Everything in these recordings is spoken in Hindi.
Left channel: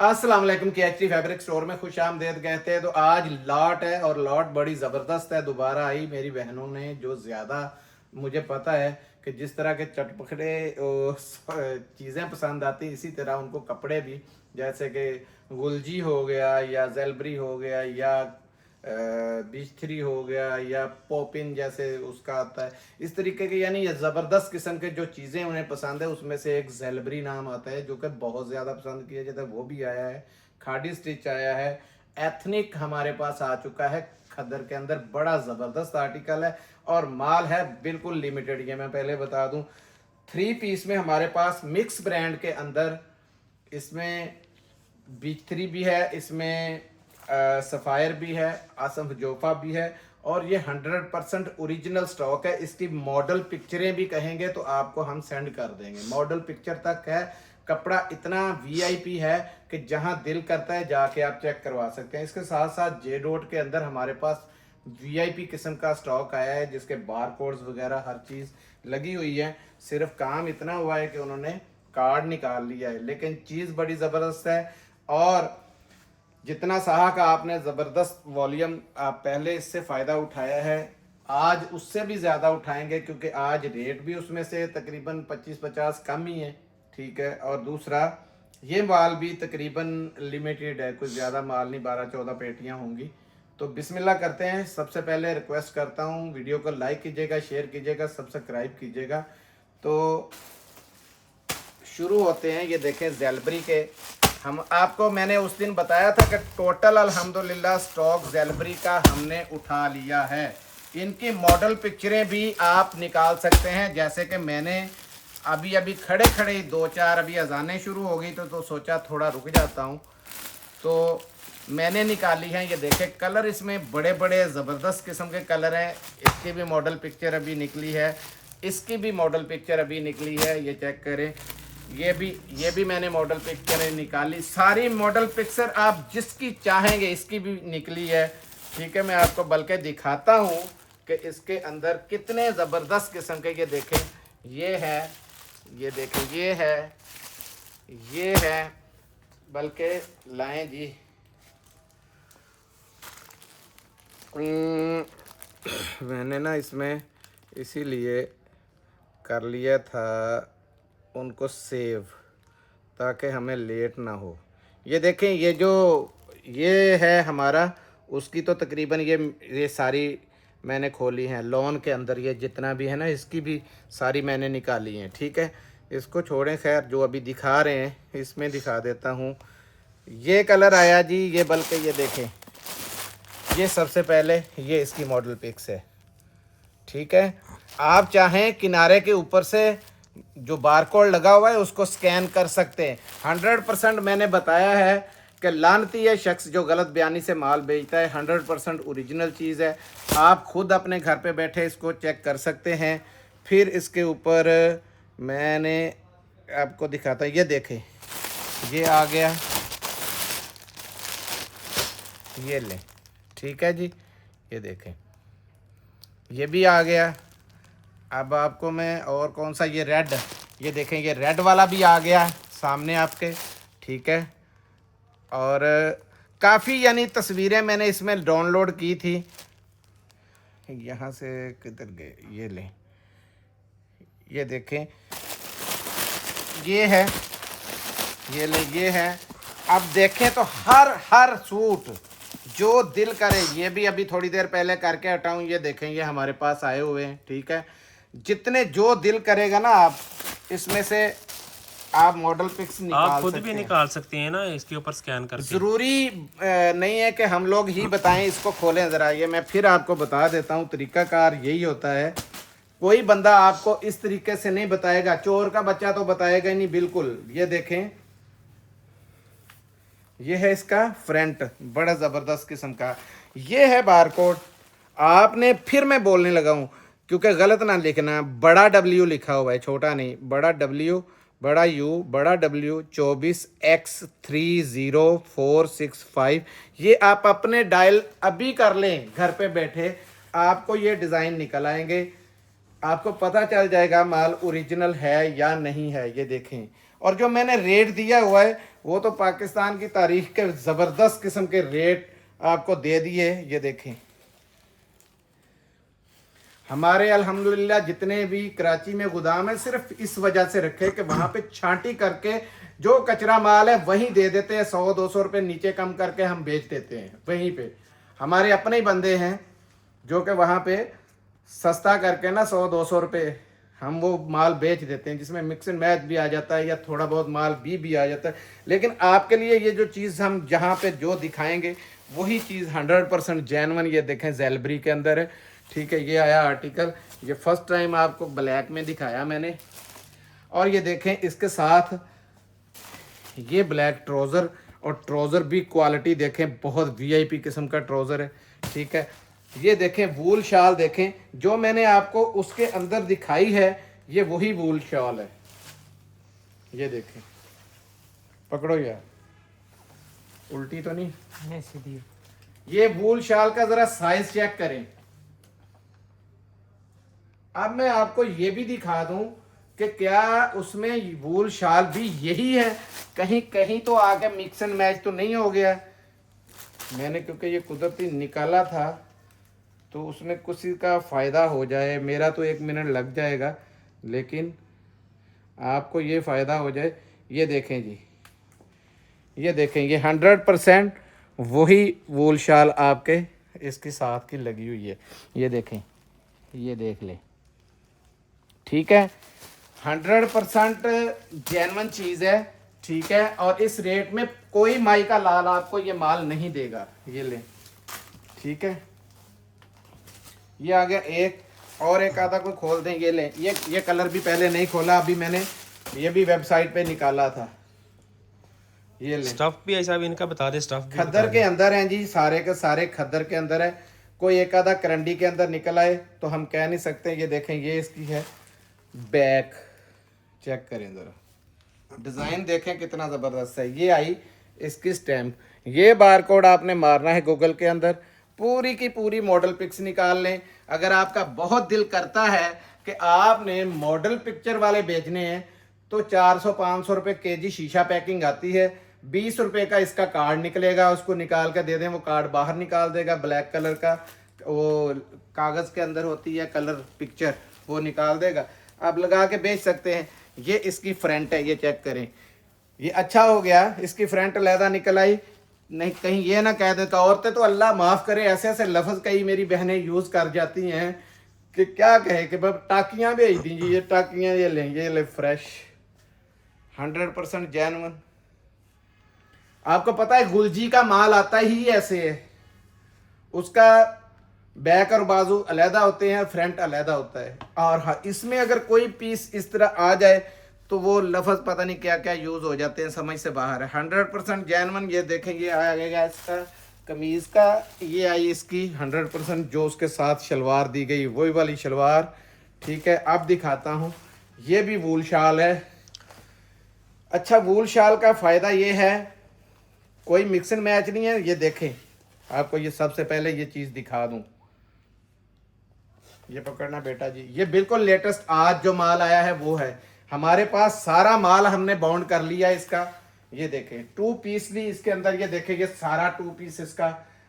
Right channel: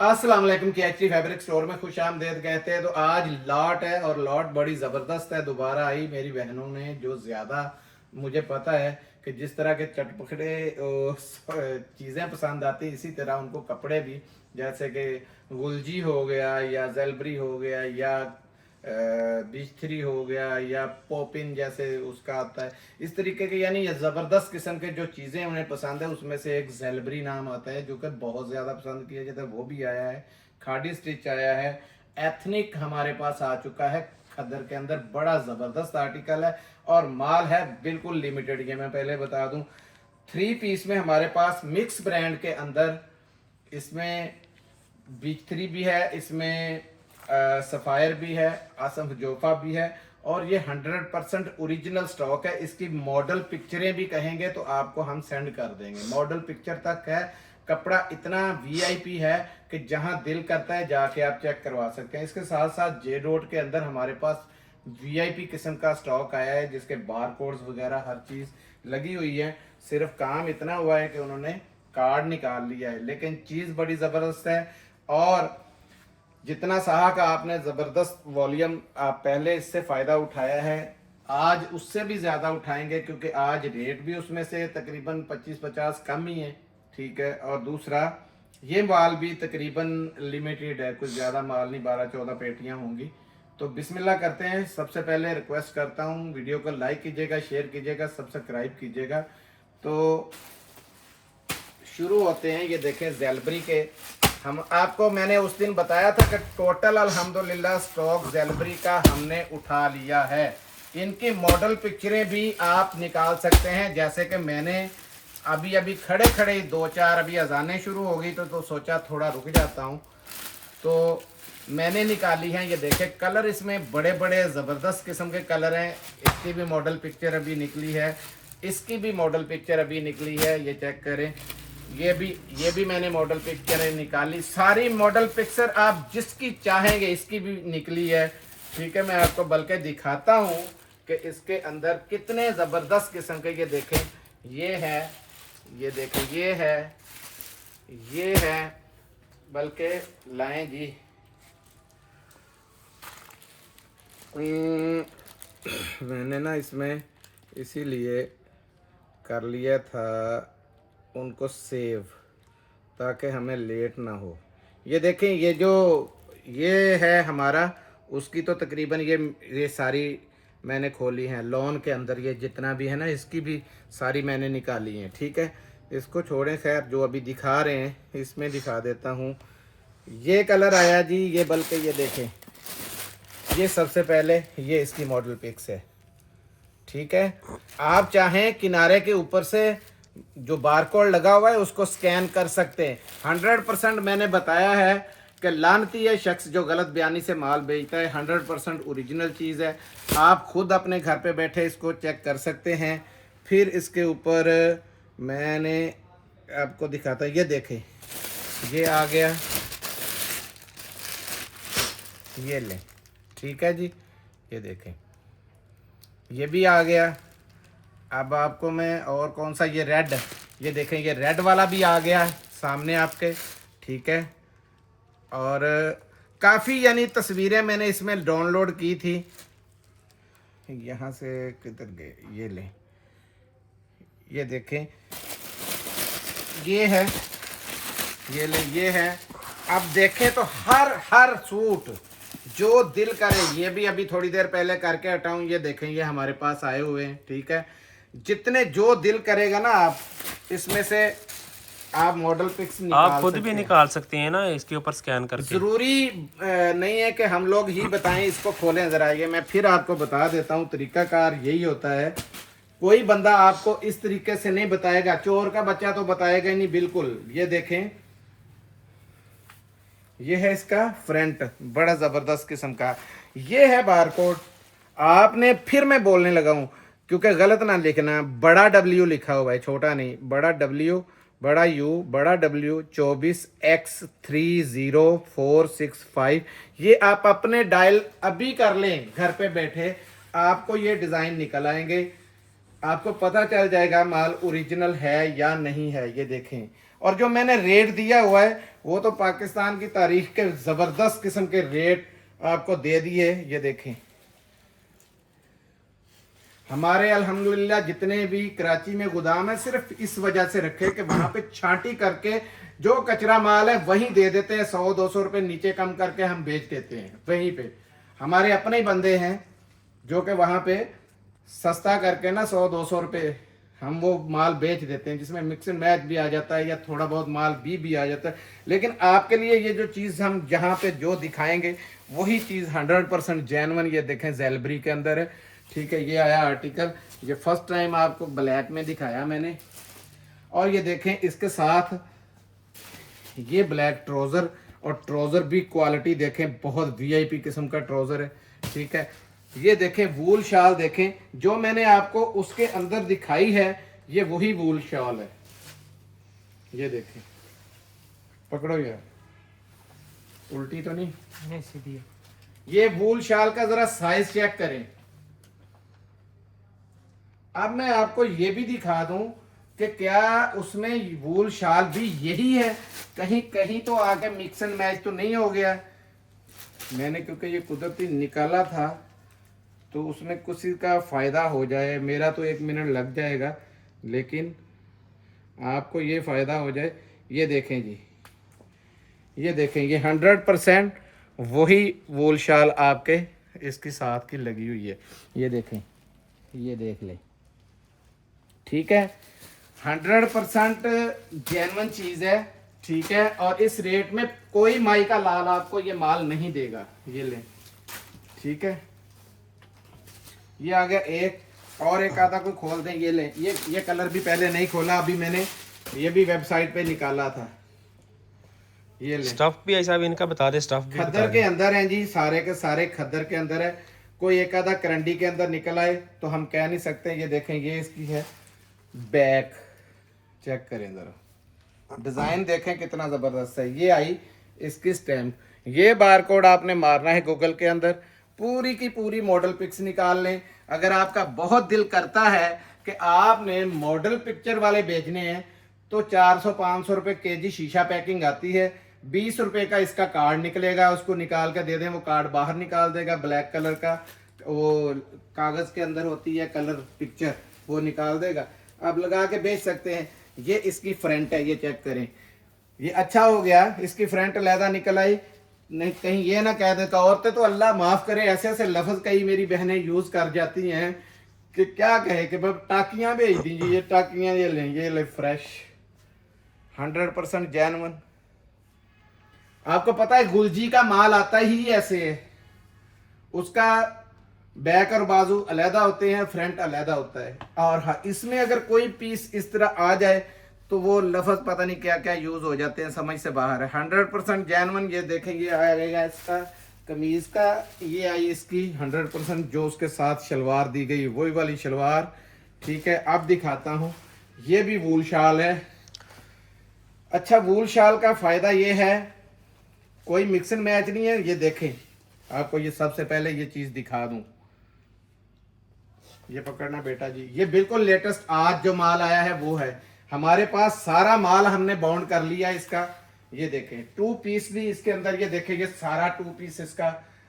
अस्सलाम वालेकुम KHT फैब्रिक स्टोर में खुश आमदेद कहते हैं। तो आज लॉट है और लॉट बड़ी ज़बरदस्त है। दोबारा आई मेरी बहनों ने, जो ज़्यादा मुझे पता है कि जिस तरह के चटपटे चीज़ें पसंद आती हैं, इसी तरह उनको कपड़े भी, जैसे कि गुलजी हो गया या जेलबरी हो गया या बीच थ्री हो गया या पॉपिन जैसे उसका आता है, इस तरीके के यानी ये ज़बरदस्त किस्म के जो चीज़ें उन्हें पसंद है, उसमें से एक जेलबरी नाम आता है जो कि बहुत ज़्यादा पसंद किया जाता है, वो भी आया है। खाड़ी स्टिच आया है। एथनिक हमारे पास आ चुका है खद्दर के अंदर, बड़ा ज़बरदस्त आर्टिकल है और माल है बिल्कुल लिमिटेड। ये मैं पहले बता दूं, 3 पीस में हमारे पास मिक्स ब्रांड के अंदर इसमें बीच थ्री भी है, इसमें सफ़ायर भी है, आसम जोफा भी है और ये 100% ओरिजिनल स्टॉक है। इसकी मॉडल पिक्चरें भी कहेंगे तो आपको हम सेंड कर देंगे, मॉडल पिक्चर तक है। कपड़ा इतना वीआईपी है कि जहां दिल करता है जाके आप चेक करवा सकते हैं। इसके साथ साथ जे डॉट के अंदर हमारे पास वीआईपी किस्म का स्टॉक आया है, जिसके बार कोड्स वगैरह हर चीज़ लगी हुई है। सिर्फ काम इतना हुआ है कि उन्होंने कार्ड निकाल लिया है, लेकिन चीज़ बड़ी ज़बरदस्त है। और जितना सहा का आपने ज़बरदस्त वॉल्यूम आप पहले इससे फ़ायदा उठाया है, आज उससे भी ज़्यादा उठाएंगे, क्योंकि आज रेट भी उसमें से तकरीबन 25-50 कम ही है। ठीक है। और दूसरा, ये माल भी तकरीबन लिमिटेड है, कुछ ज़्यादा माल नहीं, 12-14 पेटियाँ होंगी। तो बिस्मिल्लाह करते हैं। सबसे पहले रिक्वेस्ट करता हूँ, वीडियो को लाइक कीजिएगा, शेयर कीजिएगा, सब्सक्राइब कीजिएगा। तो शुरू होते हैं। ये देखें जेलबरी के, हम आपको मैंने उस दिन बताया था कि टोटल अल्हम्दुलिल्लाह स्टॉक जेलबरी का हमने उठा लिया है। इनकी मॉडल पिक्चरें भी आप निकाल सकते हैं, जैसे कि मैंने अभी अभी खड़े खड़े 2-4 अभी अजानें शुरू हो गई तो सोचा थोड़ा रुक जाता हूँ, तो मैंने निकाली हैं। ये देखें कलर, इसमें बड़े बड़े ज़बरदस्त किस्म के कलर हैं। इसकी भी मॉडल पिक्चर अभी निकली है, इसकी भी मॉडल पिक्चर अभी निकली है, ये चेक करें। ये भी मैंने मॉडल पिक्चर निकाली, सारी मॉडल पिक्चर आप जिसकी चाहेंगे इसकी भी निकली है। ठीक है, मैं आपको बल्कि दिखाता हूँ कि इसके अंदर कितने ज़बरदस्त किस्म के, ये देखें, ये है, ये देखें, ये है, बल्कि लाएं जी। मैंने ना इसमें इसीलिए कर लिया था उनको सेव, ताकि हमें लेट ना हो। ये देखें, ये है हमारा, उसकी तो तकरीबन ये सारी मैंने खोली हैं। लॉन के अंदर ये जितना भी है ना, इसकी भी सारी मैंने निकाली हैं। ठीक है, इसको छोड़ें, खैर जो अभी दिखा रहे हैं इसमें दिखा देता हूँ। ये कलर आया जी, ये बल्कि ये देखें, ये सबसे पहले ये इसकी मॉडल पिक्स है। ठीक है, आप चाहें किनारे के ऊपर से जो बारकोड लगा हुआ है उसको स्कैन कर सकते हैं। 100% मैंने बताया है कि लानती है शख्स जो गलत बयानी से माल बेचता है। 100% ओरिजिनल चीज़ है, आप खुद अपने घर पे बैठे इसको चेक कर सकते हैं। फिर इसके ऊपर मैंने आपको दिखाता, ये देखें, ये आ गया, ये लें। ठीक है जी, ये देखें, ये भी आ गया। अब आपको मैं और कौन सा, ये रेड, ये देखें, ये रेड वाला भी आ गया सामने आपके। ठीक है, और काफ़ी यानी तस्वीरें मैंने इसमें डाउनलोड की थी। यहाँ से किधर गए, ये लें, ये देखें, ये है, ये ले, ये है। अब देखें तो हर सूट जो दिल करे, ये भी अभी थोड़ी देर पहले करके हटाऊँ, ये देखें, ये हमारे पास आए हुए हैं। ठीक है, जितने जो दिल करेगा ना, आप इसमें से आप मॉडल पिक्स निकाल, आप खुद भी निकाल सकते हैं ना, इसके ऊपर स्कैन करके। ज़रूरी नहीं है कि हम लोग ही बताएं। इसको खोलें ज़रा, ये मैं फिर आपको बता देता हूँ, तरीकाकार यही होता है। कोई बंदा आपको इस तरीके से नहीं बताएगा, चोर का बच्चा तो बताएगा ही नहीं बिल्कुल। ये देखें, ये है इसका फ्रंट, बड़ा ज़बरदस्त किस्म का। ये है बारकोड। आपने, फिर मैं बोलने लगा हूँ क्योंकि गलत ना लिखना, बड़ा W लिखा हुआ है, छोटा नहीं, बड़ा W, बड़ा U, बड़ा W, 24X30465। ये आप अपने डायल अभी कर लें, घर पे बैठे आपको ये डिज़ाइन निकल आएंगे, आपको पता चल जाएगा माल ओरिजिनल है या नहीं है। ये देखें, और जो मैंने रेट दिया हुआ है वो तो पाकिस्तान की तारीख के ज़बरदस्त किस्म के रेट आपको दे दिए। ये देखें, हमारे अल्हम्दुलिल्लाह जितने भी कराची में गोदाम है सिर्फ इस वजह से रखे कि वहां पे छांटी करके जो कचरा माल है वहीं दे देते हैं, 100-200 रुपए नीचे कम करके हम बेच देते हैं। वहीं पे हमारे अपने ही बंदे हैं जो कि वहां पे सस्ता करके ना 100-200 रुपए हम वो माल बेच देते हैं, जिसमें मिक्स एंड मैच भी आ जाता है या थोड़ा बहुत माल भी आ जाता है। लेकिन आपके लिए ये जो चीज़ हम जहाँ पे जो दिखाएंगे वही चीज़ 100% जेन्युइन। ये देखें ज़ेलबरी के अंदर है, ठीक है। ये आया आर्टिकल, ये फर्स्ट टाइम आपको ब्लैक में दिखाया मैंने। और ये देखें इसके साथ ये ब्लैक ट्राउज़र, और ट्राउज़र भी क्वालिटी देखें, बहुत वीआईपी किस्म का ट्राउज़र है, ठीक है। ये देखें वूल शाल, देखें जो मैंने आपको उसके अंदर दिखाई है ये वही वूल शाल है। ये देखें, पकड़ो यार, उल्टी तो नहीं सीधी। ये वूल शाल का जरा साइज चेक करें। अब मैं आपको ये भी दिखा दूं कि क्या उसमें वूल शाल भी यही है, कहीं कहीं तो आके मिक्स एंड मैच तो नहीं हो गया। मैंने क्योंकि ये कुदरती निकाला था तो उसमें कुछ का फ़ायदा हो जाए, मेरा तो 1 मिनट लग जाएगा लेकिन आपको ये फ़ायदा हो जाए। ये देखें जी, ये देखें, ये 100% वही वूल शाल आपके इसके साथ की लगी हुई है। ये देखें, ये देख लें, ठीक है। 100% जेन्युइन चीज़ है, ठीक है। और इस रेट में कोई माई का लाल आपको ये माल नहीं देगा। ये लें, ठीक है। ये आ गया एक, और एक आधा को खोल दें। ये लें, ये कलर भी पहले नहीं खोला, अभी मैंने ये भी वेबसाइट पे निकाला था। ये लें, स्टफ भी ऐसा भी इनका बता दे, स्टफ भी खद्दर के अंदर हैं जी, सारे के सारे खद्दर के अंदर है। कोई एक आधा करंडी के अंदर निकल आए तो हम कह नहीं सकते। ये देखें, ये इसकी है बैक, चेक करें जरा, डिजाइन देखें कितना जबरदस्त है। ये आई इसकी स्टैम्प, ये बारकोड आपने मारना है गूगल के अंदर, पूरी की पूरी मॉडल पिक्स निकाल लें। अगर आपका बहुत दिल करता है कि आपने मॉडल पिक्चर वाले बेचने हैं तो 400-500 रुपये केजी शीशा पैकिंग आती है। 20 रुपये का इसका कार्ड निकलेगा, उसको निकाल के दे दें, वो कार्ड बाहर निकाल देगा। ब्लैक कलर का वो कागज़ के अंदर होती है कलर पिक्चर, वो निकाल देगा, आप लगा के बेच सकते हैं। ये इसकी फ्रंट है, ये चेक करें, ये अच्छा हो गया, इसकी फ्रंट लहदा निकल आई। नहीं कहीं ये ना कह देता, औरतें तो अल्लाह माफ़ करे ऐसे ऐसे लफ्ज़ कई मेरी बहनें यूज़ कर जाती हैं कि क्या कहे कि बस टाकियाँ भेज दीजिए। ये टाकियाँ ये ले फ्रेश 100% जेन्युइन। आपको पता है गुलजी का माल आता ही ऐसे है, उसका बैक और बाजू अलहदा होते हैं, फ्रंट अलहदा होता है। और हाँ, इसमें अगर कोई पीस इस तरह आ जाए तो वो लफ्ज़ पता नहीं क्या क्या यूज़ हो जाते हैं, समझ से बाहर है। 100% जेन्युइन। ये देखें, ये आएगा इसका कमीज़ का, ये आई इसकी 100% जो उसके साथ शलवार दी गई वही वाली शलवार, ठीक है। अब दिखाता हूँ, ये भी वूल शाल है। अच्छा, वूल शाल का फ़ायदा ये है कोई मिक्स एंड मैच नहीं है। ये देखें, आपको ये सबसे पहले ये चीज़ दिखा दूँ, ये पकड़ना बेटा जी, ये बिल्कुल लेटेस्ट आज जो माल आया है वो है। हमारे पास सारा माल हमने बाउंड कर लिया इसका। ये देखें 2 पीस भी इसके अंदर, ये देखें, ये सारा 2 पीस इसका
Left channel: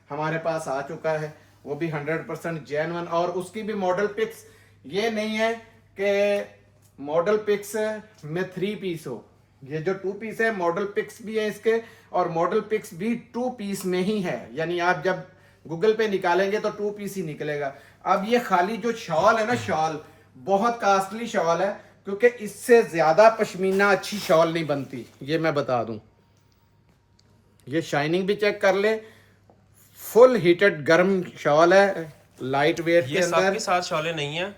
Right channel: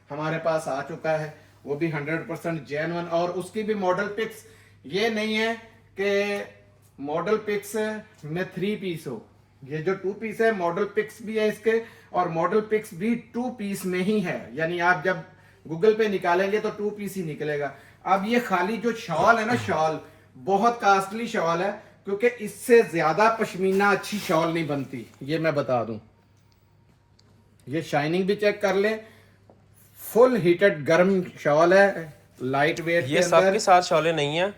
हमारे पास आ चुका है, वो भी 100% जेन्युइन। और उसकी भी मॉडल पिक्स, ये नहीं है कि मॉडल पिक्स में 3 पीस हो। ये जो 2 पीस है मॉडल पिक्स भी है इसके, और मॉडल पिक्स भी 2 पीस में ही है, यानी आप जब गूगल पे निकालेंगे तो 2 पीस ही निकलेगा। अब ये खाली जो शॉल है ना, शॉल बहुत कास्टली शॉल है, क्योंकि इससे ज्यादा पश्मीना अच्छी शॉल नहीं बनती, ये मैं बता दूं। ये शाइनिंग भी चेक कर ले, फुल हीटेड गर्म शॉल है, लाइट वेट के अंदर। सबके साथ शॉलें नहीं है,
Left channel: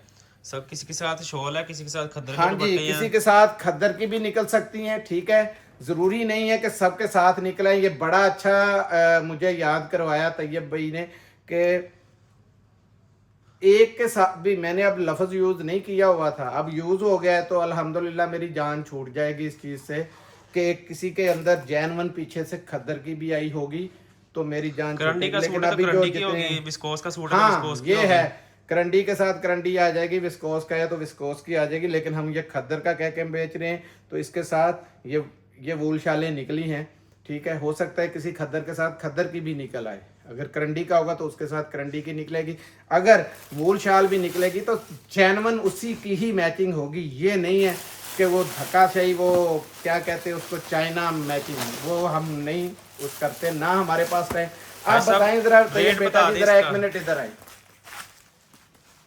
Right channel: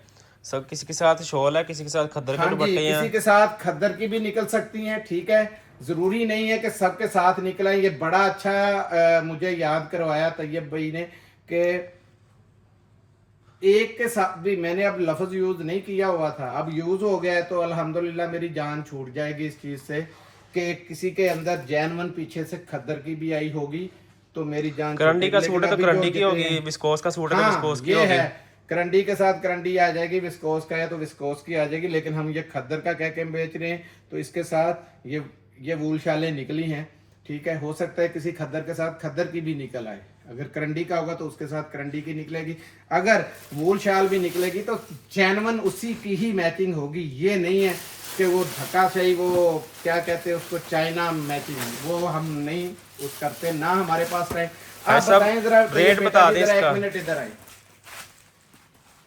सब किसी के साथ शॉल है, किसी के साथ खद्दर के दुपट्टे हैं, किसी के साथ खद्दर की भी निकल सकती हैं, ठीक है। जरूरी नहीं है कि सबके साथ निकले। ये बड़ा अच्छा मुझे याद करवाया तैयब भाई ने कि एक के साथ भी मैंने अब लफ्ज़ यूज़ नहीं किया हुआ था, अब यूज़ हो गया है, तो अल्हम्दुलिल्लाह मेरी जान छूट जाएगी इस चीज़ से कि किसी के अंदर जेन्युइन पीछे से खद्दर की भी आई होगी तो मेरी जान। करंडी का सूट है तो करंडी की होगी, विस्कोस का सूट है तो विस्कोस की होगी। ये है, करंडी के साथ करंडी आ जाएगी, विस्कोस का है तो विस्कोस की आ जाएगी। लेकिन हम ये खद्दर का कह के बेच रहे हैं तो इसके साथ ये वूल शालें निकली हैं, ठीक है। हो सकता है किसी खद्दर के साथ खद्दर की भी निकल आए, अगर करंडी का होगा तो उसके साथ करंडी की निकलेगी, अगर वूल शाल भी निकलेगी तो जेन्युइन उसी की ही मैचिंग होगी। ये नहीं है कि वो धक्काशाही, वो क्या कहते हैं उसको, चाइना मैचिंग, वो हम नहीं उस करते ना हमारे पास है। आप बताएं जरा रेट बता दें जरा, इसका। 1 मिनट इधर आए,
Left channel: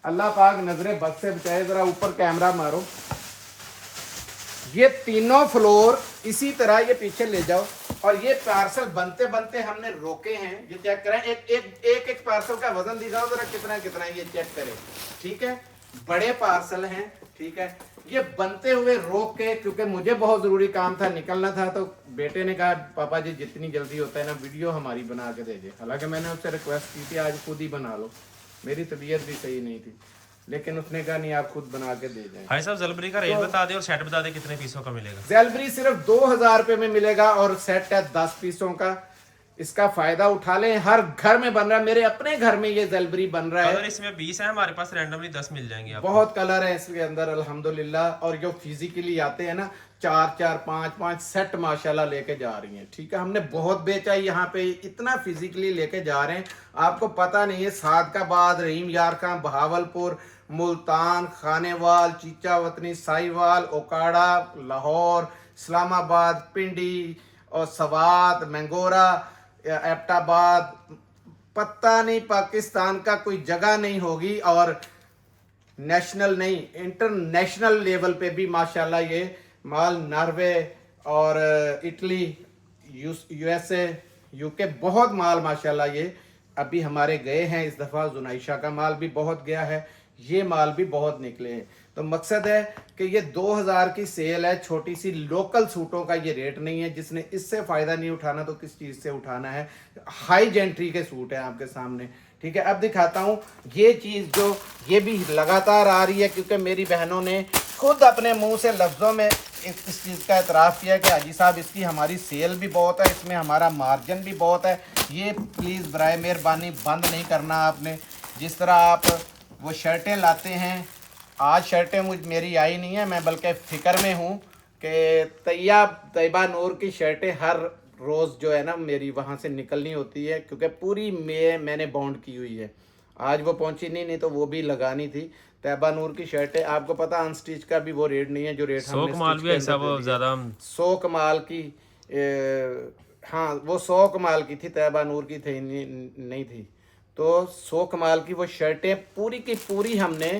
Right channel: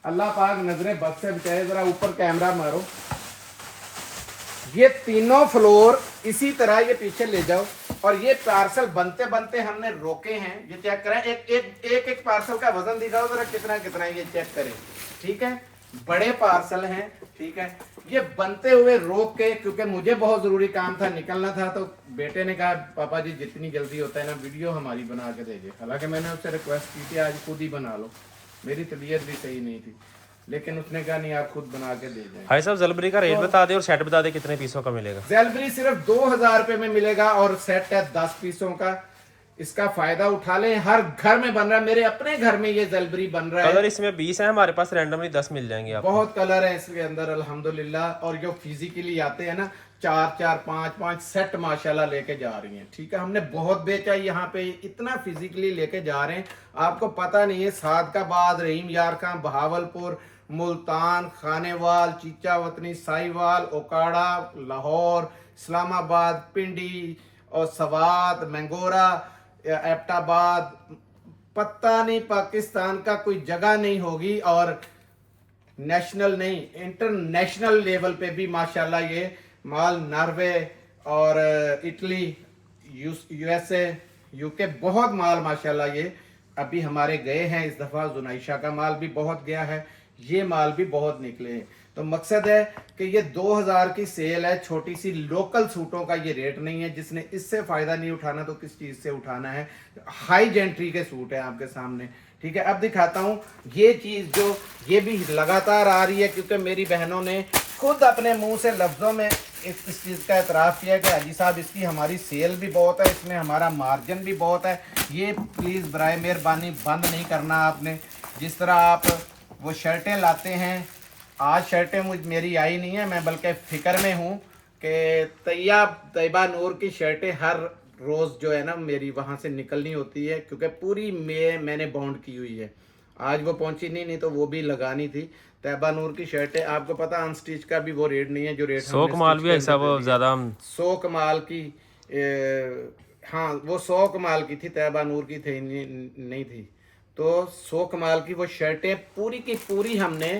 अल्लाह पाक नजरे बद से बचाए, जरा ऊपर कैमरा मारो। ये तीनों फ्लोर इसी तरह ये पीछे ले जाओ, और ये पार्सल बनते बनते हमने रोके हैं। ये चेक करें, एक पार्सल का वजन दिखाओ जरा कितना कितना है, ये चेक करें, ठीक है। बड़े पार्सल हैं, ठीक है। ये बनते हुए रोक के, क्योंकि मुझे बहुत जरूरी काम था, निकलना था, तो बेटे ने कहा पापा जी जितनी जल्दी होता है ना वीडियो हमारी बना के दे दे। हालांकि मैंने उससे रिक्वेस्ट की थी आज खुद ही बना लो, मेरी तबीयत भी सही नहीं थी, लेकिन उसने कहा नहीं आप खुद बना के दे जाए। भाई साहब जलबरी का रेट बता दे और सेट बता दे कितने पीसों का मिलेगा। जैलबरी सिर्फ 2000 रुपए में मिलेगा और सेट है 10 पीसों का। इसका फायदा उठा लें, हर घर में बन रहा है, मेरे अपने घर में ये जैलबरी बन रहा है। कलर इसमें 20 है, हमारे पास रैंडमली 10 मिल जाएंगे आपको। बहुत कलर है इसके अंदर अल्हम्दुलिल्लाह, और जो फिजिकली आते हैं ना 4-4 5-5 सेट माशाल्लाह लेके जा रही हैं, ठीक है। हमने बहुत बेचा यहाँ पे, इतना फिजिकली लेके जा रहे हैं, आपको पता नहीं है। सादकाबाद, रहीम यार खां, बहावलपुर, मुल्तान, खानेवाल, चीचावतनी, साहिवाल, ओकाड़ा, लाहौर, इस्लामाबाद, पिंडी और सवात, मैंगोरा, एबटाबाद, पता नहीं पाकिस्तान का कोई जगह नहीं होगी, और नेशनल नहीं इंटरनेशनल लेवल पे भी माशाल्लाह ये माल, नॉर्वे और इटली, यूएसए, यूके, बहुत माल माशाल्लाह ये अभी हमारे गए हैं। इस दफ़ा जुनाइशा का माल भी बहुत गया है, ये माल भी बहुत निकले हैं। तो मकसद है कि ये 2000 की सेल है, छोटी सी लोकल सूटों का ये रेट नहीं है। जिसने इससे फ़ायदा नहीं उठाना तो किस चीज़ से उठाना है। हाई जेंट्री के सूट है आपके सामने, ठीक है। अब दिखाता हूँ ये चीज़ जो ये भी लगातार आ रही है, क्योंकि मेरी बहनों ने खुद अपने मुंह से लफ्ज़ों में इस चीज़ का एतराफ़ किया कि हाजी साहब इसकी हमारी सेल भी बहुत है, इसमें हमारा मार्जिन भी बहुत है। ये प्लीज़ बराए मेहरबानी बंद नहीं करना आपने। जिस तरह आप वो शर्टें लाते हैं, आज शर्टें मेरी आई नहीं है, मैं बल्कि फ़िक्र में हूँ कि तैयबा नूर की शर्टें हर रोज़ जो है ना मेरी वहाँ से निकलनी होती है, क्योंकि पूरी मैंने बाउंड की हुई है। आज वो पहुँची नहीं तो वो भी लगानी थी। तैयबा नूर की शर्टें आपको पता अनस्टिच का भी वो रेट नहीं है जो रेट 100 कमाल भी ऐसा वो ज़्यादा 100 कमाल की, हाँ वो 100 कमाल की थी, तैयबा नूर की थी नहीं थी। तो 100 कमाल की वो शर्टें पूरी की पूरी हमने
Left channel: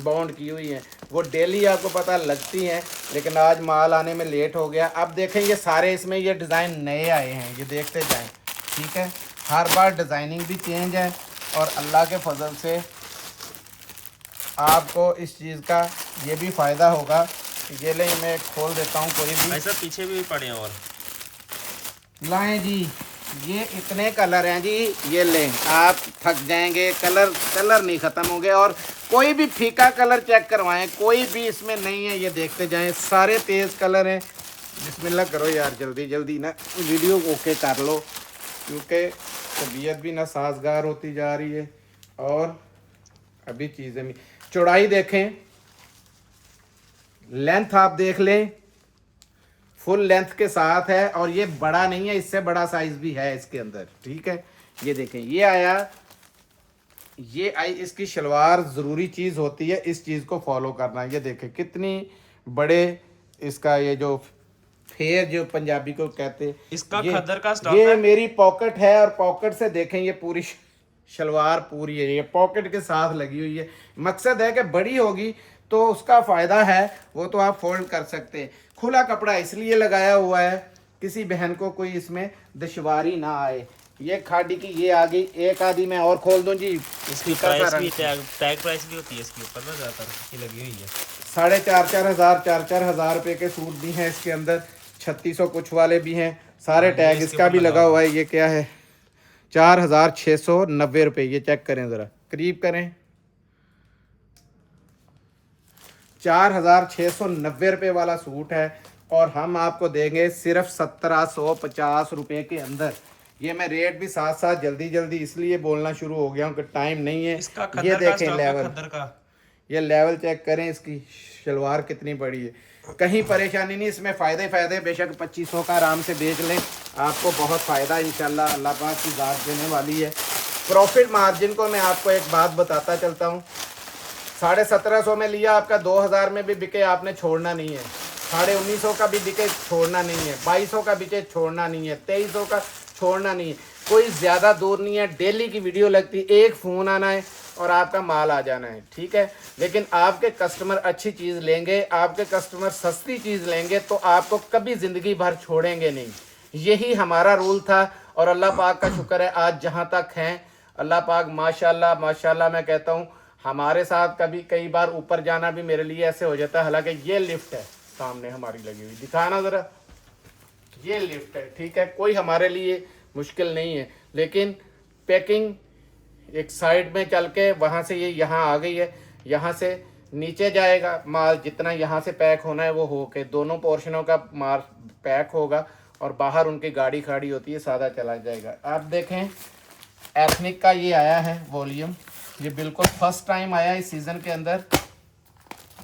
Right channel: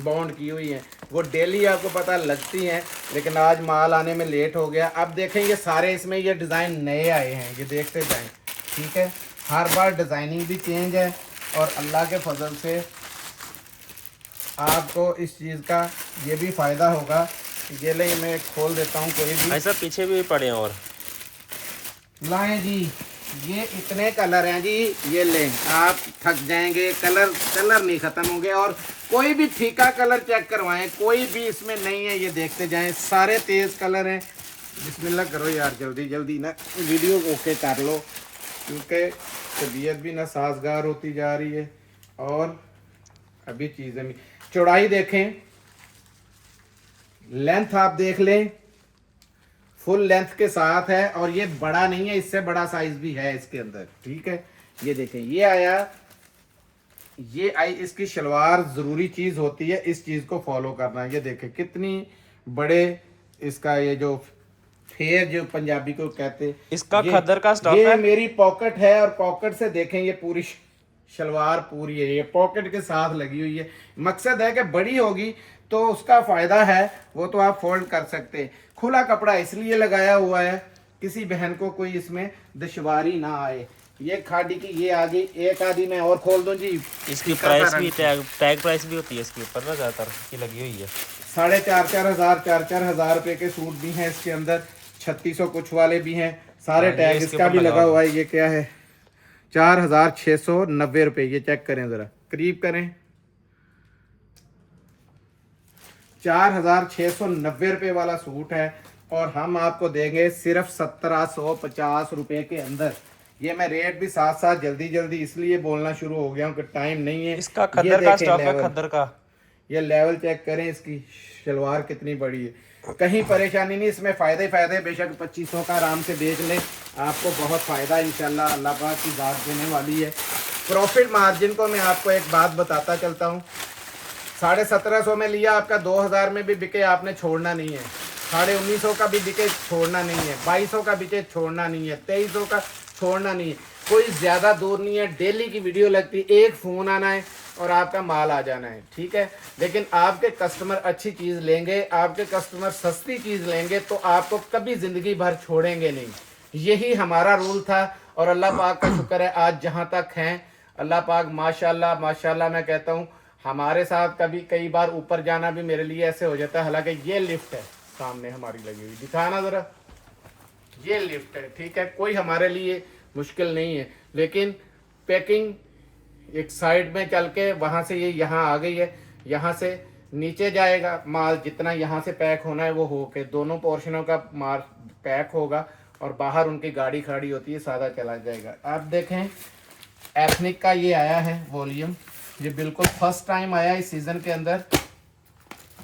बाउंड की हुई हैं, वो डेली आपको पता लगती हैं, लेकिन आज माल आने में लेट हो गया। अब देखें ये सारे इसमें ये डिज़ाइन नए आए हैं, ये देखते जाएं, ठीक है। हर बार डिज़ाइनिंग भी चेंज है, और अल्लाह के फजल से आपको इस चीज़ का ये भी फ़ायदा होगा। ये ले मैं खोल देता हूँ कोई भी, ऐसा पीछे भी पड़े हैं और लाएं जी। ये इतने कलर हैं जी, ये लें, आप थक जाएंगे, कलर नहीं ख़त्म होंगे। और कोई भी फीका कलर चेक करवाएं, कोई भी इसमें नहीं है, ये देखते जाएं, सारे तेज़ कलर हैं। बिस्मिल्लाह करो यार, जल्दी जल्दी ना वीडियो ओके कर लो, क्योंकि तबीयत भी ना साजगार होती जा रही है, और अभी चीज़ें भी। चौड़ाई देखें, लेंथ आप देख लें, फुल लेंथ के साथ है, और ये बड़ा नहीं है, इससे बड़ा साइज भी है इसके अंदर, ठीक है। ये देखें, ये आया, ये आई इसकी शलवार। ज़रूरी चीज़ होती है इस चीज़ को फॉलो करना। ये देखें कितनी बड़े इसका ये जो फेर जो पंजाबी को कहते हैं, इसका खद्दर का स्टॉक ये है। मेरी पॉकेट है, और पॉकेट से देखें ये पूरी शलवार पूरी है, ये पॉकेट के साथ लगी हुई है। मकसद है कि बड़ी होगी तो उसका फ़ायदा है, वो तो आप फोल्ड कर सकते हैं। खुला कपड़ा इसलिए लगाया हुआ है किसी बहन को कोई इसमें दुश्वारी ना आए। ये खाड़ी की ये आ गई, एक आधी मैं और खोल दूं जी। इसकी प्राइस भी टैग प्राइस भी होती है इसके ऊपर ना, ज़्यादातर की लगी हुई है। 4,500 रुपए के सूट भी हैं इसके अंदर, 3600 कुछ वाले भी हैं, सारे टैग इसका भी लगा हुआ है। ये क्या है, 4,690 रुपये। ये चेक करें ज़रा, करीब करें, 4,690 रुपये वाला सूट है, और हम आपको देंगे सिर्फ 1750 रुपये के अंदर। ये मैं रेट भी साथ साथ जल्दी जल्दी इसलिए बोलना शुरू हो गया हूँ कि टाइम नहीं है। इसका ये खद्दर का देखें स्टॉक है, लेवल, खद्दर का। ये लेवल चेक करें, इसकी शलवार कितनी बड़ी है। कहीं परेशानी नहीं, इसमें फ़ायदे फ़ायदे। बेशक 2500 का आराम से बेच लें, आपको बहुत फ़ायदा इंशाल्लाह अल्लाह पाक की ज़ात देने वाली है। प्रॉफिट मार्जिन को मैं आपको एक बात बताता चलता हूँ, 1750 में लिया आपका 2000 में भी बिके, आपने छोड़ना नहीं है। 1950 का भी बिके, छोड़ना नहीं है। 2200 का बिके, छोड़ना नहीं है। 2300 का छोड़ना नहीं है। कोई ज़्यादा दूर नहीं है, डेली की वीडियो लगती है, एक फ़ोन आना है और आपका माल आ जाना है, ठीक है। लेकिन आपके कस्टमर अच्छी चीज़ लेंगे, आपके कस्टमर सस्ती चीज़ लेंगे तो आपको कभी ज़िंदगी भर छोड़ेंगे नहीं। यही हमारा रूल था और अल्लाह पाक का शुक्र है आज जहाँ तक हैं, अल्लाह पाक माशाल्लाह माशाल्लाह मैं कहता हूँ। हमारे साथ कभी कई बार ऊपर जाना भी मेरे लिए ऐसे हो जाता है। हालांकि ये लिफ्ट है सामने हमारी लगी हुई, दिखाना ज़रा, ये लिफ्ट है, ठीक है, कोई हमारे लिए मुश्किल नहीं है। लेकिन पैकिंग एक साइड में चल के वहाँ से ये यहाँ आ गई है, यहाँ से नीचे जाएगा माल, जितना यहाँ से पैक होना है वो हो के दोनों पोर्शनों का माल पैक होगा और बाहर उनकी गाड़ी खड़ी होती है, सादा चला जाएगा। आप देखें एथनिक का ये आया है वॉल्यूम, ये बिल्कुल फर्स्ट टाइम आया इस सीज़न के अंदर।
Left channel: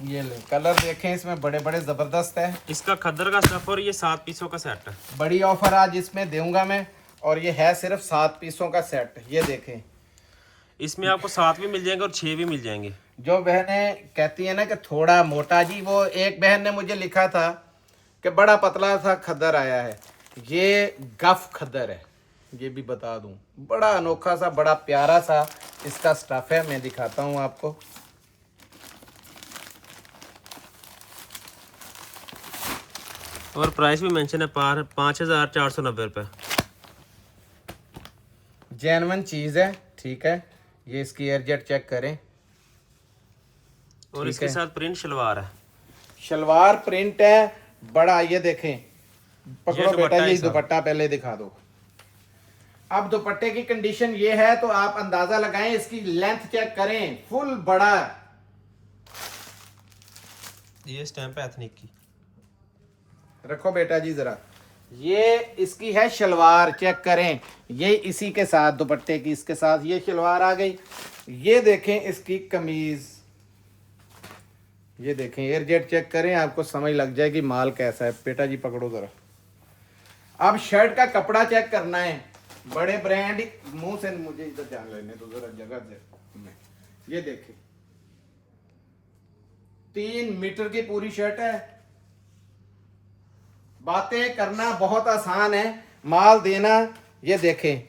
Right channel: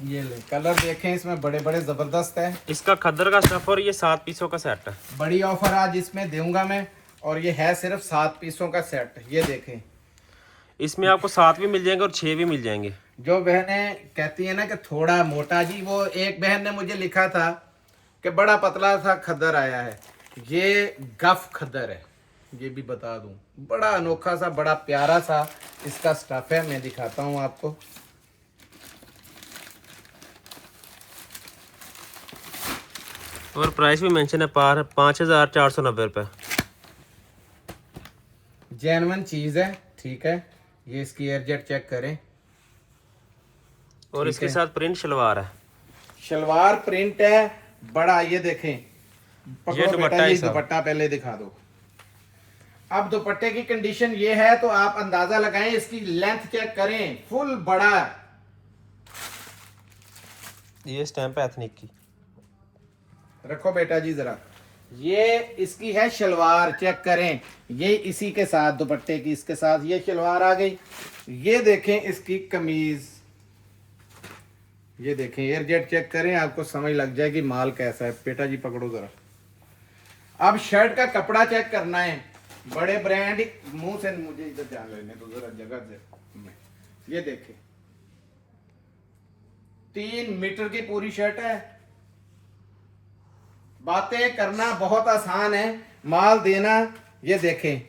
ये ले कलर देखें, इसमें बड़े बड़े ज़बरदस्त है। इसका खद्दर का स्टफ और ये 7 पीसों का सेट है। बड़ी ऑफर आज इसमें दूंगा मैं, और ये है सिर्फ 7 पीसों का सेट। ये देखें, इसमें आपको 7 भी मिल जाएंगे और 6 भी मिल जाएंगे। जो बहनें कहती है ना कि थोड़ा मोटा जी, वो एक बहन ने मुझे लिखा था कि बड़ा पतला सा खद्दर आया है, ये गफ खद्दर है। ये भी बता दूं, बड़ा अनोखा सा, बड़ा प्यारा सा इसका स्टफ है। मैं दिखाता हूं आपको। और प्राइस भी मेंशन है, 5490 रुपये। जेन्युइन चीज़ है, ठीक है। ये इसकी एयरजेट चेक करें। और इसके साथ प्रिंट शलवार है, शलवार प्रिंट है बड़ा। ये देखें, पकड़ो दुपट्टा बेटा, है ये सब। दुपट्टा पहले दिखा दो। अब दुपट्टे की कंडीशन ये है तो आप अंदाजा लगाएं, इसकी लेंथ चेक करें, फुल बड़ा। ये स्टैंप है एथनिक की। रखो बेटा जी जरा, ये इसकी है शलवार, चेक करें। ये इसी के साथ दुपट्टे की, इसके साथ ये शलवार आ गई। ये देखें इसकी कमीज, ये देखें एयरजेट चेक करें, आपको समझ लग जाएगी माल कैसा है। बेटा जी पकड़ो जरा। अब शर्ट का कपड़ा चेक करना है, बड़े ब्रांड, मुंह से मुझे इधर ध्यान लेने तो जरा जगह से। ये देखें 3 मीटर की पूरी शर्ट है। बातें करना बहुत आसान है, माल देना। ये देखें,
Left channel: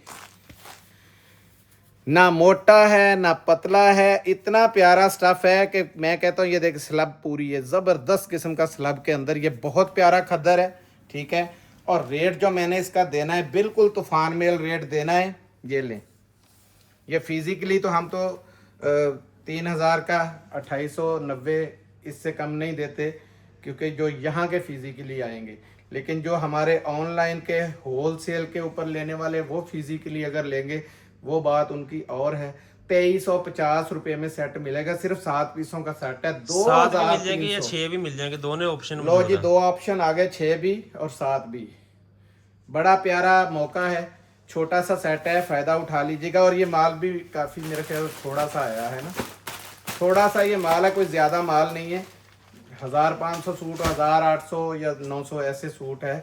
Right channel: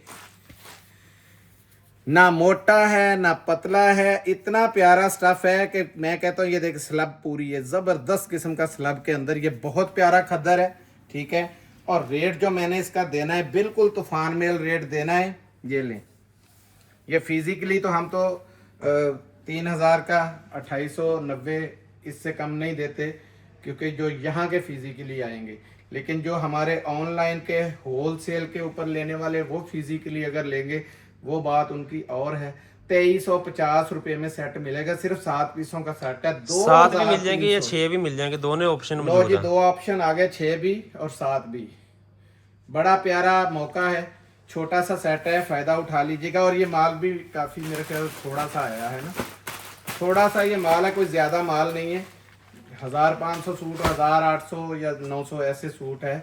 ना मोटा है ना पतला है, इतना प्यारा स्टफ है कि मैं कहता हूँ। ये देख स्लब पूरी है, जबरदस्त किस्म का स्लब के अंदर, ये बहुत प्यारा खद्दर है, ठीक है। और रेट जो मैंने इसका देना है बिल्कुल तूफान मेल रेट देना है। ये लें, ये फिजिकली तो हम तो 3000 का 2890, इससे कम नहीं देते, क्योंकि जो यहाँ के फिजिकली आएंगे। लेकिन जो हमारे ऑनलाइन के होलसेल के ऊपर लेने वाले, वो फिजिकली अगर लेंगे वो बात उनकी और है। 2350 रुपये में सेट मिलेगा, सिर्फ 7 पीसों का सेट है। 7 भी मिल जाएंगे या 6 भी मिल जाएंगे, दोनों ऑप्शन लो जी, 2 ऑप्शन आ गए, 6 भी और 7 भी। बड़ा प्यारा मौका है, छोटा सा सेट है, फायदा उठा लीजिएगा। और ये माल भी काफी मेरे ख्याल थोड़ा सा आया है ना, थोड़ा सा ये माल है, कोई ज्यादा माल नहीं है। 1500 सूट, 1800 या 900 ऐसे सूट है।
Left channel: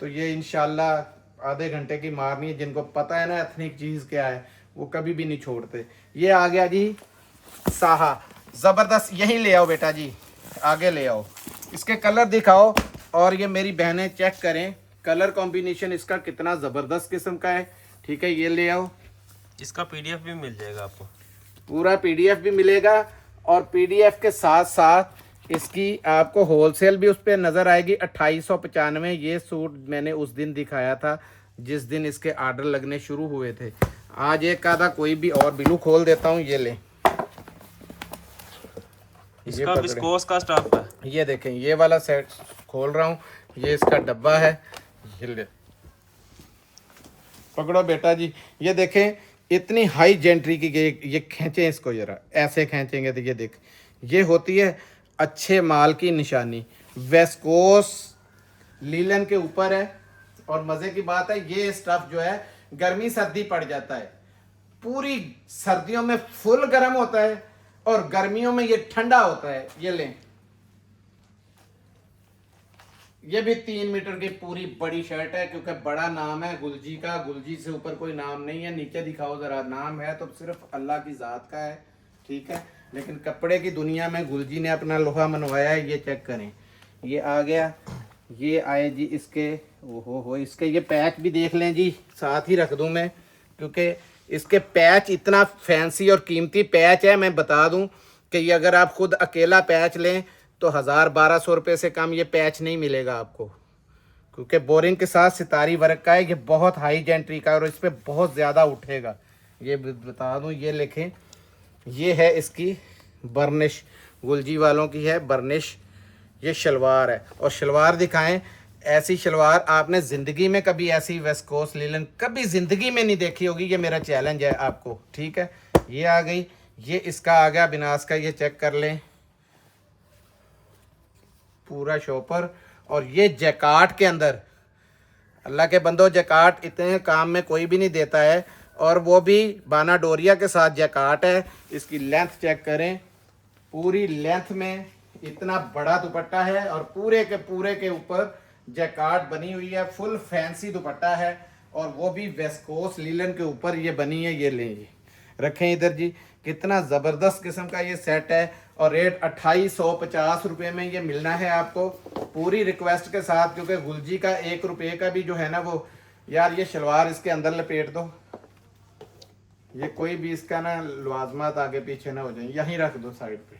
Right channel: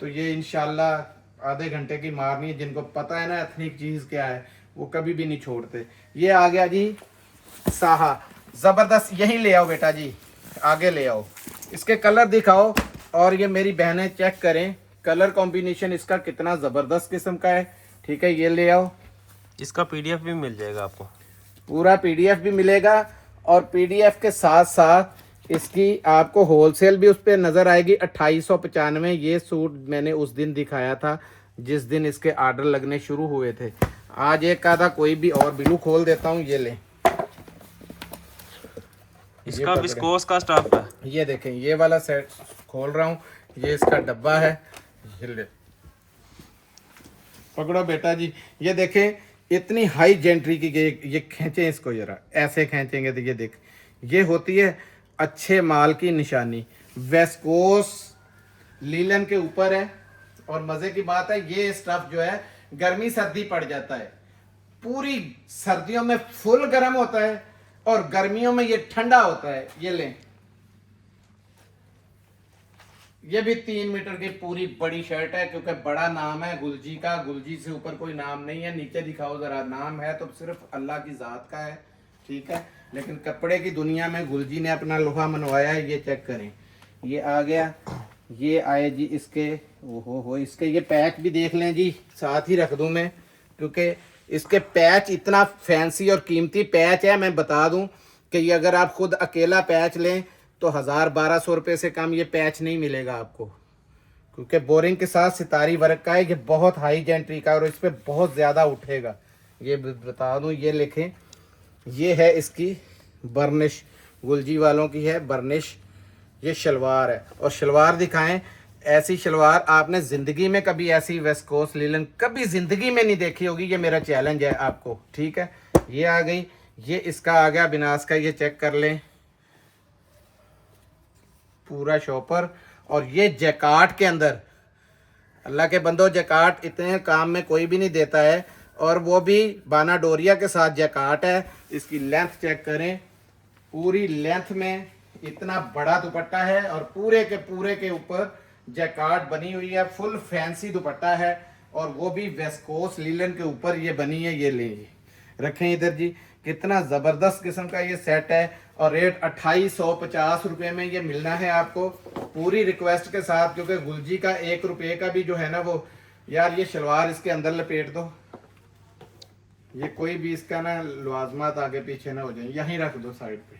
तो ये इंशाल्लाह आधे घंटे की मारनी है। जिनको पता है ना एथनिक चीज़ क्या है, वो कभी भी नहीं छोड़ते। ये आ गया जी साहा, ज़बरदस्त। यहीं ले आओ बेटा जी, आगे ले आओ, इसके कलर दिखाओ। और ये मेरी बहनें चेक करें कलर कॉम्बिनेशन इसका कितना ज़बरदस्त किस्म का है, ठीक है। ये ले आओ, इसका पीडीएफ भी मिल जाएगा आपको, पूरा पीडीएफ भी मिलेगा। और पीडीएफ के साथ साथ इसकी आपको होलसेल भी उस पर नज़र आएगी। 2895 ये सूट मैंने उस दिन दिखाया था जिस दिन इसके ऑर्डर लगने शुरू हुए थे। आज एक आधा कोई भी और बिलू खोल देता हूँ। ये ले, इसका विस्कोस का स्टफ है। ये देखें, ये वाला सेट खोल रहा हूँ, ये इसका डब्बा है। ये ले, पकड़ो बेटा जी। ये देखें इतनी हाई जेंट्री की, ये खींचें इसको जरा, ऐसे खींचेंगे तो ये देख, ये होती है अच्छे माल की निशानी। वेस्कोस लीलन के ऊपर है। और मज़े की बात है, ये स्टफ जो है गर्मी सर्दी पड़ जाता है, पूरी सर्दियों में फुल गर्म होता है और गर्मियों में ये ठंडा होता है। ये लें, ये भी 3 मीटर की पूरी बड़ी शर्ट है, क्योंकि बड़ा नाम है गुलजी का, गुलजी से ऊपर कोई नाम नहीं है। नीचे दिखाओ जरा, नाम है तो सिर्फ अल्लाह की जात का है, ठीक है। लेकिन कपड़े की दुनिया में गुलजी ने अपना लोहा मनवाया है। ये चेक करें, ये आ गया, ये आए जी इसके, ओहो हो, इसके ये पैच भी देख लें जी, साथ ही रख दूं मैं, क्योंकि इसके पैच इतना फैंसी और कीमती पैच है। मैं बता दूं कि ये अगर आप खुद अकेला पैच लें तो 1000-1200 रुपये से कम ये पैच नहीं मिलेगा आपको, क्योंकि बोरिंग के साथ सितारी वर्क का है। ये बहुत हाई जेंट्री का और इस पर बहुत ज़्यादा उठेगा। ये बता दूं, ये लिखें, ये है इसकी बर्निश, गुलजी वालों की है बर्निश। ये शलवार है, और शलवार दिखाएं, ऐसी शलवार आपने ज़िंदगी में कभी ऐसी वेस्कोस लीलन कभी ज़िंदगी में नहीं देखी होगी। ये मेरा चैलेंज है आपको, ठीक है। ये आ गई, ये इसका आ गया बिनास का, ये चेक कर लें, पूरा शॉपर। और ये जैकार्ड के अंदर, अल्लाह के बंदो, जैकार्ड इतने काम में कोई भी नहीं देता है, और वो भी बाना डोरिया के साथ जैकार्ड है। इसकी लेंथ चेक करें, पूरी लेंथ में इतना बड़ा दुपट्टा है, और पूरे के ऊपर जैकार्ड बनी हुई है। फुल फैंसी दुपट्टा है, और वो भी वेस्कोस लीलन के ऊपर ये बनी है। ये लेंगे, रखें इधर जी, कितना ज़बरदस्त किस्म का ये सेट है, और रेट 2850 रुपये में ये मिलना है आपको, पूरी रिक्वेस्ट के साथ। क्योंकि गुलजी का 1 रुपये का भी जो है ना वो, यार ये शलवार इसके अंदर लपेट दो, ये कोई भी इसका ना लवाजमात आगे पीछे ना हो जाए, यहीं रख दो साइड पे।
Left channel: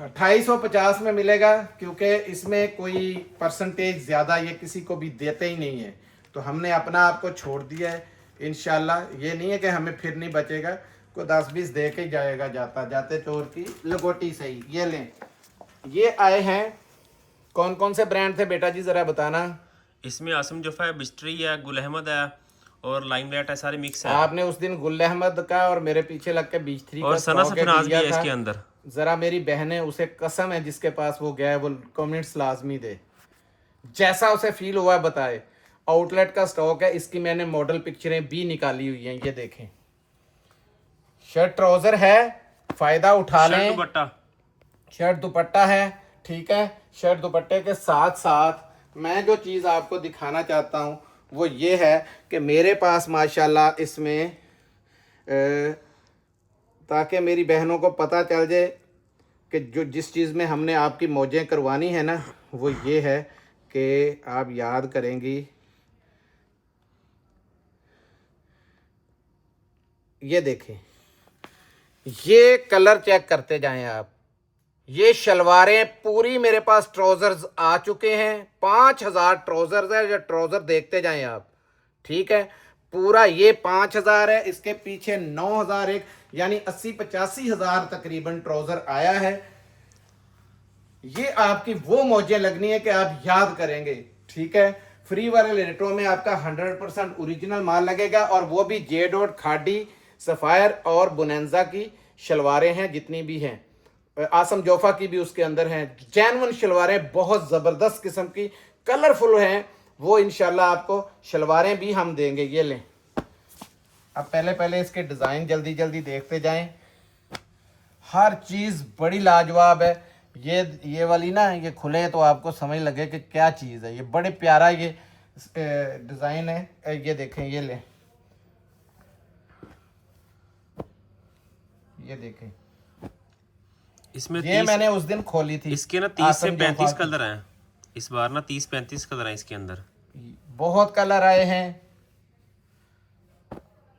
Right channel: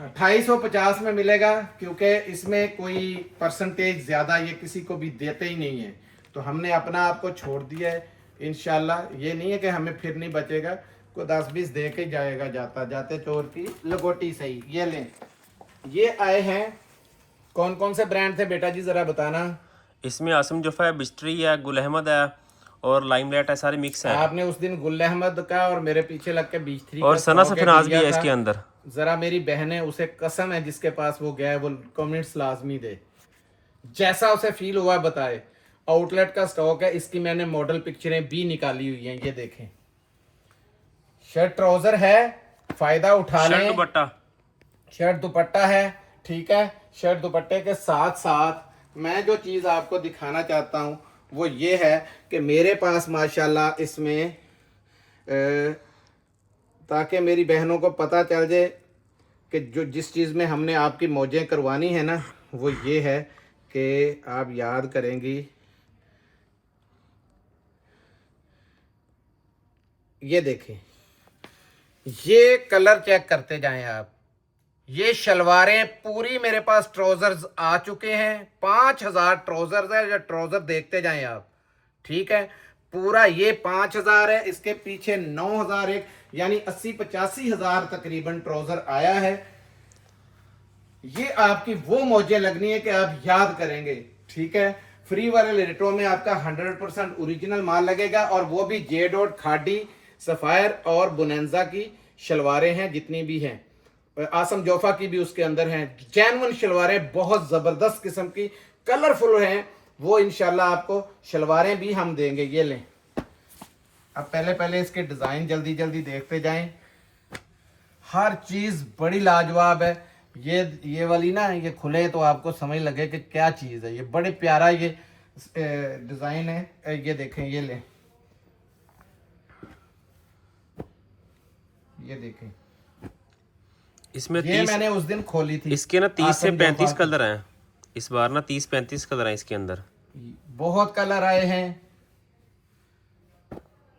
2850 में मिलेगा, क्योंकि इसमें कोई परसेंटेज ज़्यादा ये किसी को भी देते ही नहीं है, तो हमने अपना आपको छोड़ दिया है। इंशाल्लाह ये नहीं है कि हमें फिर नहीं बचेगा, को 10-20 दे के जाएगा, जाता जाते चोर की लगोटी सही। ये लें, ये आए हैं, कौन कौन से ब्रांड थे बेटा जी ज़रा बताना। इसमें आसम जोफा है, बिस्ट्री है, गुल अहमद है और लाइमलाइट है, सारे मिक्स है। आपने उस दिन गुल अहमद का और मेरे पीछे लग के 23 और का सना स्टॉक सफनाज भी दिया है था। इसके अंदर। जरा मेरी बहन है, उसे कसम है, जिसके पास वो गया है वो कमेंट्स लाजमी दे, जैसा उसे फील हुआ बताए। आउटलेट का स्टॉक है, इसकी मैंने मॉडल पिक्चरें भी निकाली हुई हैं, ये देखें। शर्ट ट्राउजर है, फायदा उठा लें। दुपट्टा, शर्ट दुपट्टा है, ठीक है। शर्ट दुपट्टे के साथ साथ मैं जो चीज़ आपको दिखाना चाहता हूँ वो ये है कि मेरे पास माशाल्लाह इसमें ताकि मेरी बहनों को पता चल जाए कि जो जिस चीज़ में हमने आपकी मौजें करवानी है ना, वो ये है कि आप याद करेंगी, ये देखें, ये कलर चेक करते जाएं आप। ये शलवारें पूरी मेरे पास ट्राउजर्स आ चुके हैं, 5000 ट्राउजर्स है, जो ट्राउजर देखते जाएं आप, ठीक है। पूरा ये 5000 है, इसके पीछे 9000 एक, यानी 80-85 हजार तकरीबन ट्राउजर आया है। ये आपकी वो मौजें लगनी है कि आप याद करेंगे, ठीक है। फ्री वाले रेटों में आपका 100% ओरिजिनल माल लगेगा, और वो भी जे डॉट, खाडी, सफायर और बुनेंजा की शलवारें हैं, जितनी भी हैं। आसम जोफा की भी उसके अंदर हैं। जैनवन शलवारें बहुत ज़बरदस्त किस्म की कलरफुल हैं, वो इंशाल्लाह आपको शलवारें भी हम देंगे। ये लें, अब पहले इसके डिज़ाइन जल्दी जल्दी देखते जाएं। हर चीज़ बड़ी लाजवाब है। ये वाली ना, ये खुले तो आपको समझ लगे कि क्या चीज़ है। ये बड़े प्यारा ये डिज़ाइन है। ये देखें, ये लें, ये देखें, इसमें ये मैंने उस दिन खोली थी। इसके ना 30 से 35 कलर हैं इस बार ना, 30-35 कलर हैं इसके अंदर, बहुत कलर आए हैं।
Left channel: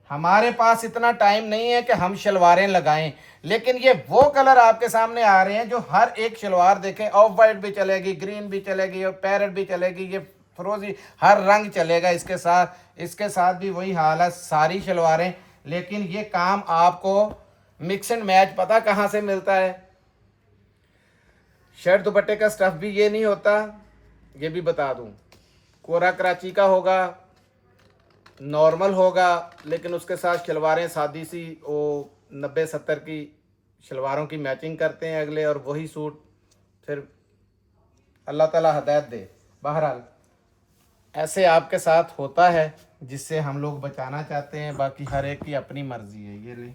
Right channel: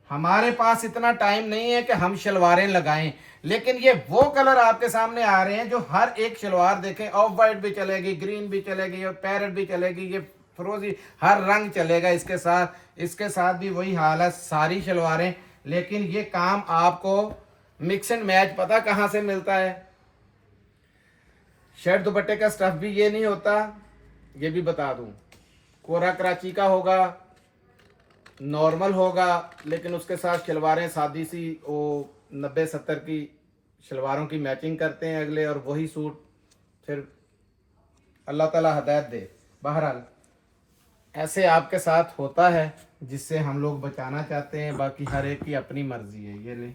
हमारे पास इतना टाइम नहीं है कि हम शलवारें लगाएं, लेकिन ये वो कलर आपके सामने आ रहे हैं जो हर एक शलवार देखें, ऑफ वाइट भी चलेगी, ग्रीन भी चलेगी, और पैरेट भी चलेगी, ये फिरोजी, हर रंग चलेगा इसके साथ भी वही हाल है, सारी शलवारें। लेकिन ये काम आपको मिक्स एंड मैच पता कहाँ से मिलता है। शर्ट दुपट्टे का स्टफ भी ये नहीं होता, ये भी बता दूं। कोरा कराची का होगा, नॉर्मल होगा, लेकिन उसके साथ शलवारें सादी सी वो 90-70 की शलवारों की मैचिंग करते हैं अगले, और वही सूट फिर अल्लाह ताला हदायत दे। बहरहाल ऐसे आपके साथ होता है, जिससे हम लोग बचाना चाहते हैं। बाकी हर एक की अपनी मर्जी है। ये ले,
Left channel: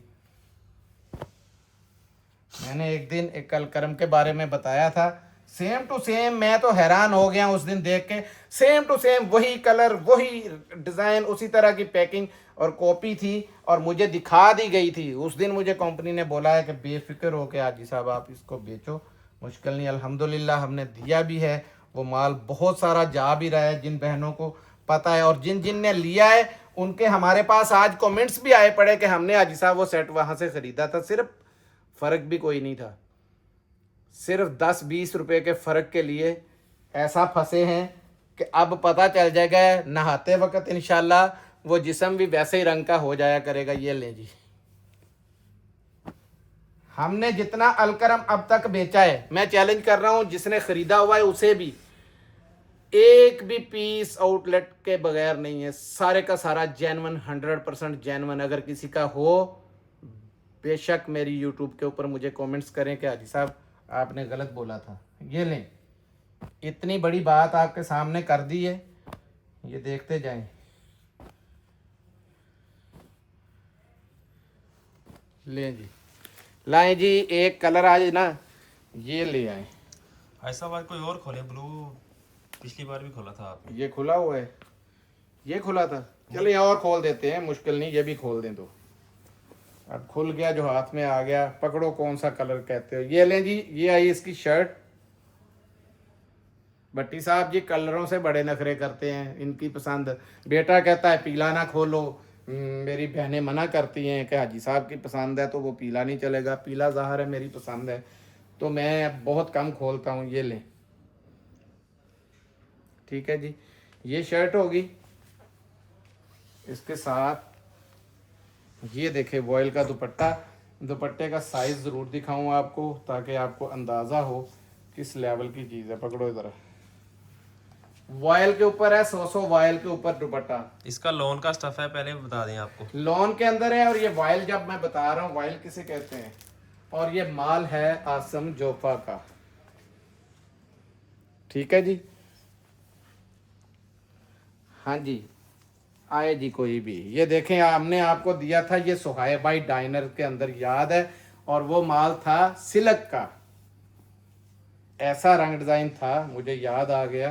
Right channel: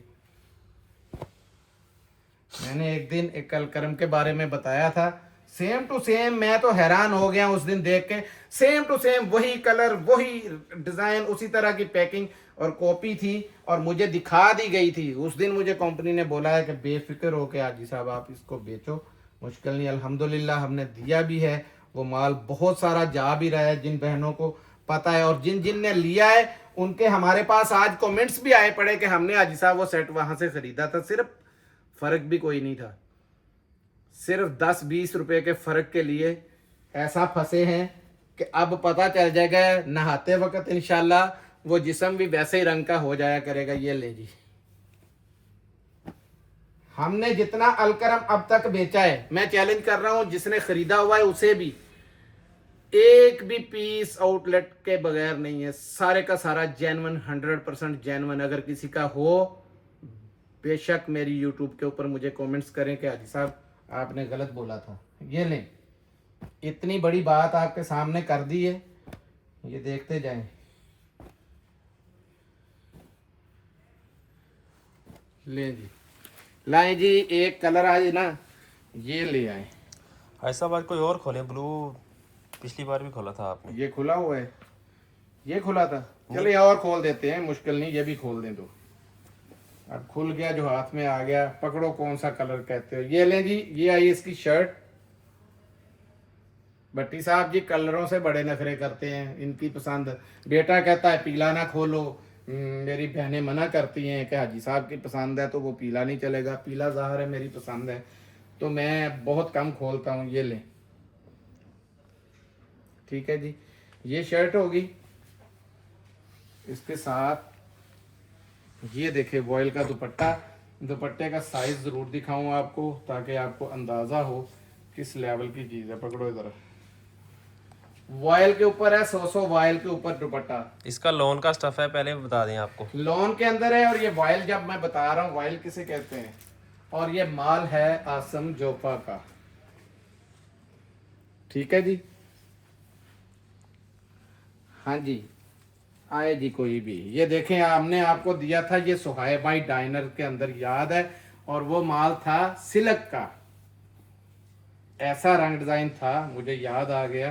मैंने एक दिन एक अलकरम के बारे में बताया था, सेम टू सेम। मैं तो हैरान हो गया उस दिन देख के, सेम टू सेम वही कलर, वही डिजाइन, उसी तरह की पैकिंग और कॉपी थी, और मुझे दिखा दी गई थी। उस दिन मुझे कंपनी ने बोला है कि बेफिक्र हो के हाजी साहब आप इसको बेचो, मुश्किल नहीं। अल्हम्दुलिल्लाह हमने दिया भी है, वो माल बहुत सारा जा भी रहा है, जिन बहनों को पता है, और जिन जिन ने लिया है उनके हमारे पास आज कमेंट्स भी आए पड़े कि हमने हाजी साहब वो सेट वहां से खरीदा था, सिर्फ फर्क भी कोई नहीं था, सिर्फ 10-20 रुपए के फर्क के लिए ऐसा फंसे हैं कि अब पता चल जाएगा नहाते वक्त इंशाल्लाह वो जिस्म भी वैसे ही रंग का हो जाया करेगा। ये ले जी, हमने जितना अलकरम अब तक बेचा है, मैं चैलेंज कर रहा हूं जिसने खरीदा हुआ है उसे भी, एक भी पीस आउटलेट के बगैर नहीं है, सारे का सारा जेन्युइन, 100% जेन्युइन। अगर किसी का हो बेशक मेरी यूट्यूब के ऊपर मुझे कमेंट्स करें कि हाजी साहब आपने गलत बोला था। ये लें, इतनी बड़ी बात आपके सामने कर दी है, ये देखते जाएं। लें जी, लाएं जी, एक कलर आज ना ये ले आए। ऐसा बार कोई और खोले, ब्लू पिछली बार भी खोला था आपने। ये खुला हुआ है, ये खुला था, चलिए और खोल देते हैं, मुश्किल नहीं, ये भी खोल दें तो। अब खुल गया जो हाथ में आ गया, पकड़ो कौन सा कलर कहते हो। ये लें जी, ये आई इसकी शर्ट। भट्टी साहब जी कलरों से बड़े नखरे करते हैं, इनकी पसंद। बेटा कहता है पीला ना खोलो, मेरी बहनें मना करती हैं कि हाजी साहब की पसंद है तो वो पीला नहीं चलेगा, पीला ज़ाहिर है मेरी पसंद है, तो मैं बहुत कम खोलता हूँ। ये लें, ठीक है जी, ये शर्ट होगी। इसके साथ ये देखे वॉयल का दुपट्टा, दुपट्टे का साइज ज़रूर दिखाऊं आपको ताकि आपको अंदाज़ा हो किस लेवल की चीज़ है। पकड़ो इधर, वॉयल के ऊपर है, 100 वॉयल के ऊपर दुपट्टा। इसका लोन का स्टफ है, पहले बता दें आपको। लॉन के अंदर है, और ये वॉयल जब मैं बता रहा हूँ वॉयल किसे कहते हैं, और ये माल है आसम जोफा का, ठीक है जी। हाँ जी, आए जी कोई भी। ये देखें, हमने आपको दिया था ये सुहाइबाई डाइनर के अंदर, याद है, और वो माल था सिल्क का, ऐसा रंग डिजाइन था, मुझे याद आ गया,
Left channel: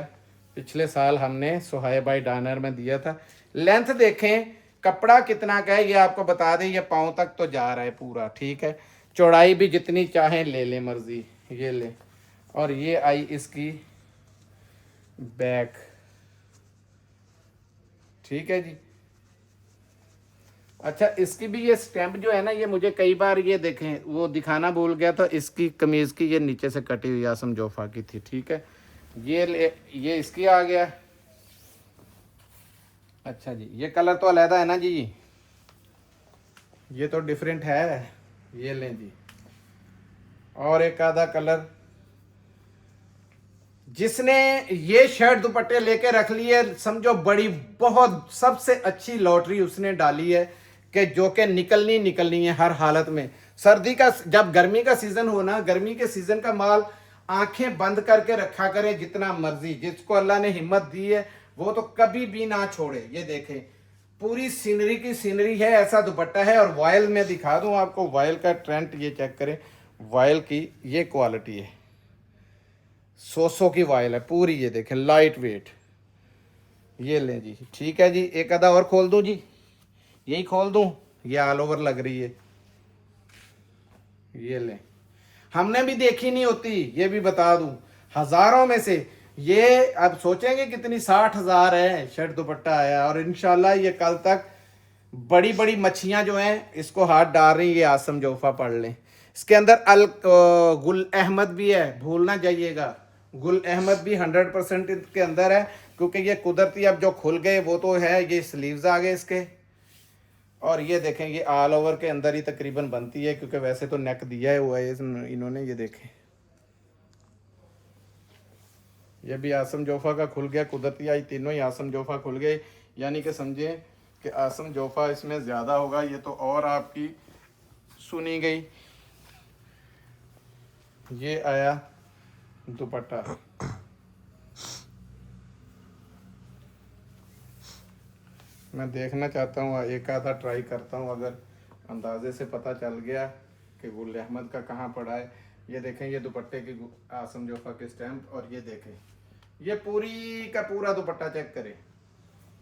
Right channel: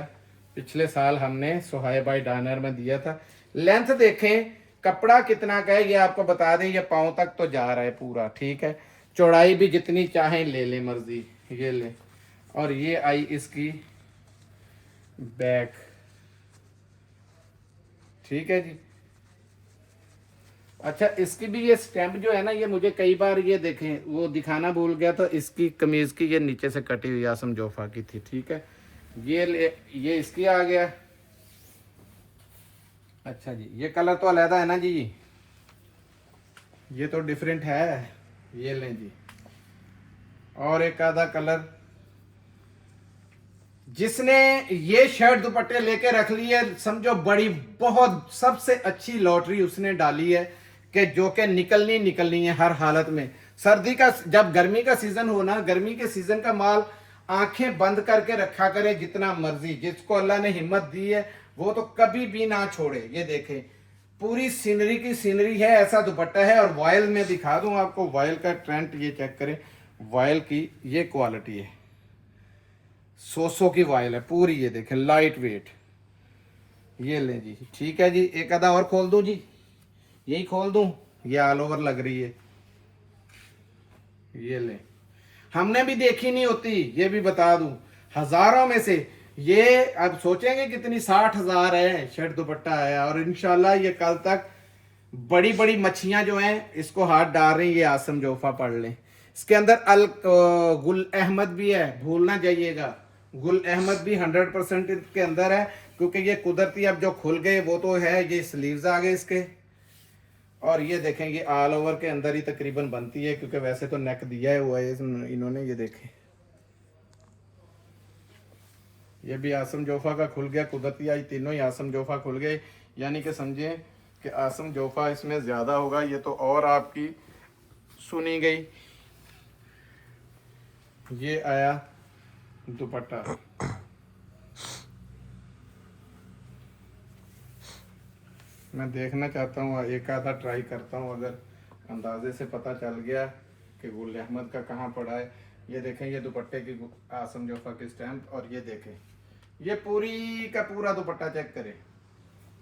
पिछले साल हमने सुहाइबाई डाइनर में दिया था। लेंथ देखें, कपड़ा कितना का है ये आपको बता दें, ये पाँव तक तो जा रहा है पूरा, ठीक है। चौड़ाई भी जितनी चाहें ले लें मर्जी, ये ले। और ये आई इसकी बैक, ठीक है जी। अच्छा, इसकी भी ये स्टैम्प जो है ना, ये मुझे कई बार ये देखें वो दिखाना भूल गया था, इसकी कमीज की ये नीचे से कटी हुई आसम जोफा की थी, ठीक है। ये इसकी आ गया। अच्छा जी, ये कलर तो अलहदा है ना जी, ये तो डिफरेंट है। ये लें जी, और एक आधा कलर। जिसने ये शर्ट दुपट्टे लेके रख लिए, समझो बड़ी बहुत सबसे अच्छी लॉटरी उसने डाली है, कि जो कि निकलनी है हर हालत में। सर्दी का, जब गर्मी का सीजन हो ना, गर्मी के सीजन का माल आंखें बंद करके रखा करे जितना मर्जी, जिसको अल्लाह ने हिम्मत दी है वो तो कभी भी ना छोड़े। ये देखें, पूरी सीनरी की सीनरी है, ऐसा दुपट्टा है। और वॉयल में दिखा दूं आपको, वॉयल का ट्रेंड ये चेक करें, वॉयल की ये क्वालिटी है, 100 की वायल है पूरी, ये देखें लाइट वेट। ये लें जी, ठीक है जी। एक आधा और खोल दूं जी, यही खोल दूं, ये ऑल ओवर लग रही है। ये लें, हमने भी देखी नहीं होती, ये भी बता दूं, हजारों में से ये अब सोचेंगे कितनी, 60,000 है शर्ट दुपट्टा है। और इंशाल्लाह ये कल तक बड़ी बड़ी मच्छियां जो हैं इसको हाथ डाल रही, ये आसम जोफा पढ़ लें। इसके अंदर गुल अहमद भी है, भूल ना जाइएगा, गुल अहमद भी 100% इसके अंदर है, क्योंकि ये कुदरती अब जो खुल गए वो तो है। ये स्लीव्स आ गए इसके, और ये देखें ये ऑल ओवर के अंदर ही तकरीबन बनती है, क्योंकि वैसे तो नेक दिया हुआ है इन्होंने। ये देखें, ये भी आसम जोफा का खुल गया, कुदरती आई तीनों ही आसम जोफा खुल गए, यानी कि समझें कि आसम जोफा इसमें ज़्यादा होगा। ये तो और आपकी सुनी गई। ये आया दुपट्टा, मैं देखना चाहता हूँ, एक आधा ट्राई करता हूँ, अगर अंदाजे से पता चल गया कि गुल अहमद का कहाँ पड़ा है। ये देखें, ये दुपट्टे की आसम जोफा की स्टैम्प, और ये देखें ये पूरी का पूरा दुपट्टा चेक करें,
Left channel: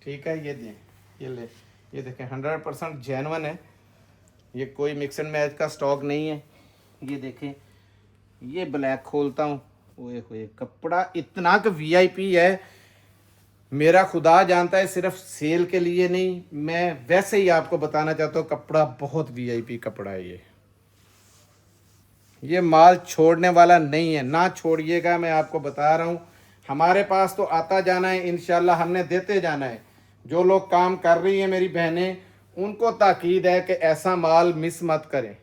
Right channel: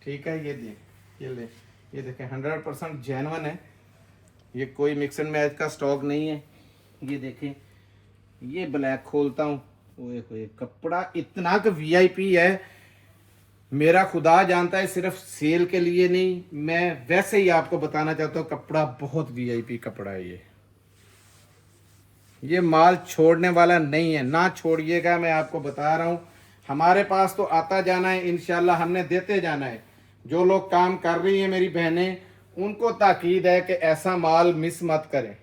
ठीक है। ये दें, ये ले, ये देखें 100% जेन्युइन है, ये कोई मिक्स एंड मैच का स्टॉक नहीं है। ये देखें, ये ब्लैक खोलता हूँ, ओए होए कपड़ा इतना का वीआईपी है, मेरा खुदा जानता है, सिर्फ सेल के लिए नहीं, मैं वैसे ही आपको बताना चाहता हूँ, कपड़ा बहुत वीआईपी कपड़ा है। ये माल छोड़ने वाला नहीं है, ना छोड़िएगा, मैं आपको बता रहा हूँ। हमारे पास तो आता जाना है, इंशाल्लाह हमने देते जाना है। जो लोग काम कर रही हैं मेरी बहनें, उनको ताकीद है कि ऐसा माल मिस मत करें।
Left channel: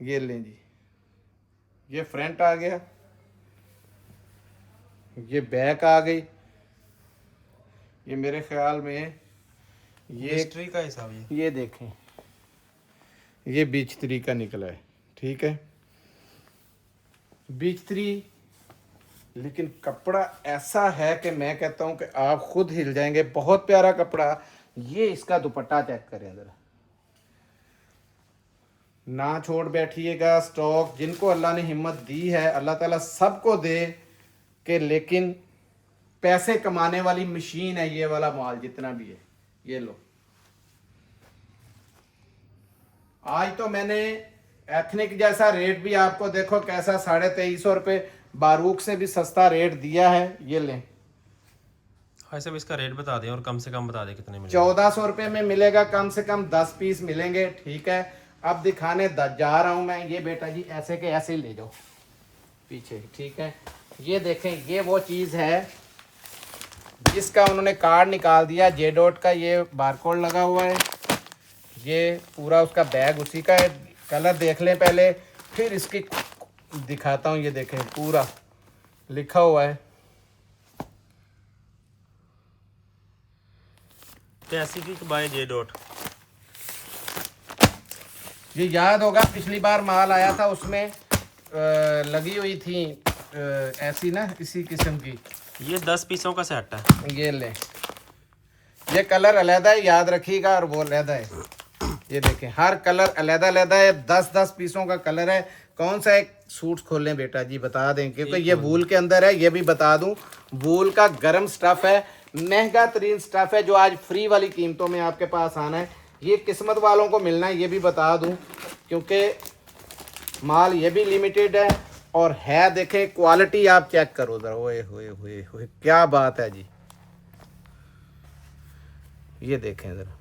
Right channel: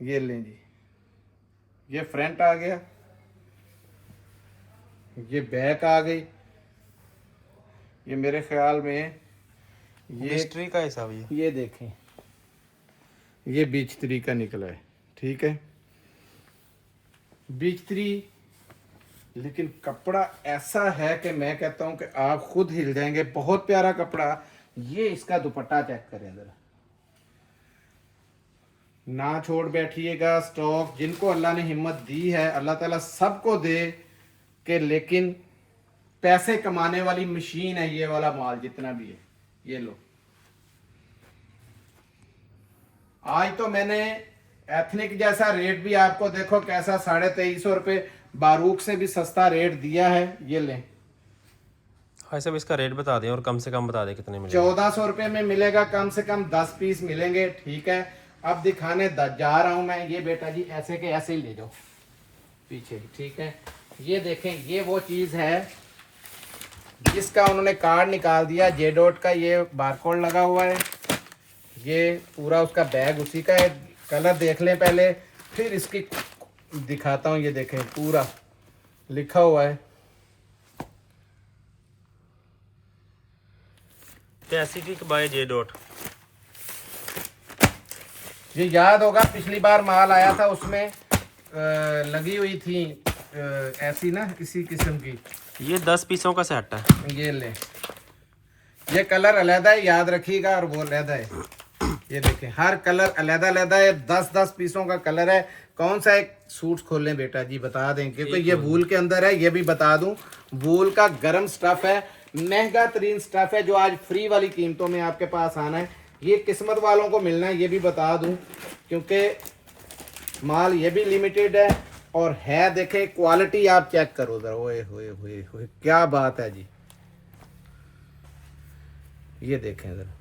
ये लें जी, ये फ्रंट आ गया, ये बैक आ गई, ये मेरे ख्याल में ये हिस्ट्री का हिसाब ये देखें, ये बीच 3 का निकला है, ठीक है, बीच 3। लेकिन कपड़ा ऐसा है कि मैं कहता हूं कि आप खुद हिल जाएंगे, बहुत प्यारा कपड़ा। ये इसका दुपट्टा चेक करें जरा, ना छोड़ बैठिएगा स्टॉक। जिनको अल्लाह ने हिम्मत दी है, अल्लाह ताला सबको दे कि, लेकिन पैसे कमाने वाली मशीन है ये वाला माल जितना भी है। ये लो, आज तो मैंने एथनिक जैसा रेट भी आपको देखो कैसा 2350 रुपये बारूक से भी सस्ता रेट दिया है। ये लें, हाँ सब इसका रेट बता दें और कम से कम बता दें कितने में 1400 रुपये में मिलेगा, कम से कम 10 पीस मिलेंगे, ठीक है। अब दिखाने जा रहा हूं मैं, ये बेटा जी ऐसे के ऐसे ही ले जाओ पीछे, ठीक है। ये देखें, ये वो चीज़ है जिसका उन्होंने कार्ड निकाल दिया, जे डॉट का ये बारकोड लगा हुआ है, ये पूरा उसका बैग उसी का है। कलर देख लें पहले, फिर इसकी दिखाता हूँ। ये देखें, पूरा लिखा हुआ है, पैसिफिक बाय जे डॉट। ये याद होगा पिछली बार माल आया था, उसमें लगी हुई थी ऐसी ना, इसी किस्म की। ये 10 पीसों का सेट है। ये ले, ये कलर अलहदा है, याद रखिएगा, और वो अलहदा है। ये देखें, हर कलर अलहदा अलहदा है, 10-10 पीसों का कलर है। कौन सा एक सूट खोलें बेटा जी, बता दें, क्योंकि ये वूल के अंदर है। ये भी बता दूं, वूल का गर्म स्टफ है, महंगा तरीन स्टफ है, जो आज फ्री वाली कीमतों में आपके पास आना है। ये किस्मत वालों को मिलना है, ये भी बता दूं, क्योंकि माल ये भी लिमिटेड है और है। देखें क्वालिटी, आप चेक करो जरा, ओए होए होए होए क्या बात है जी। ये देखें जरा,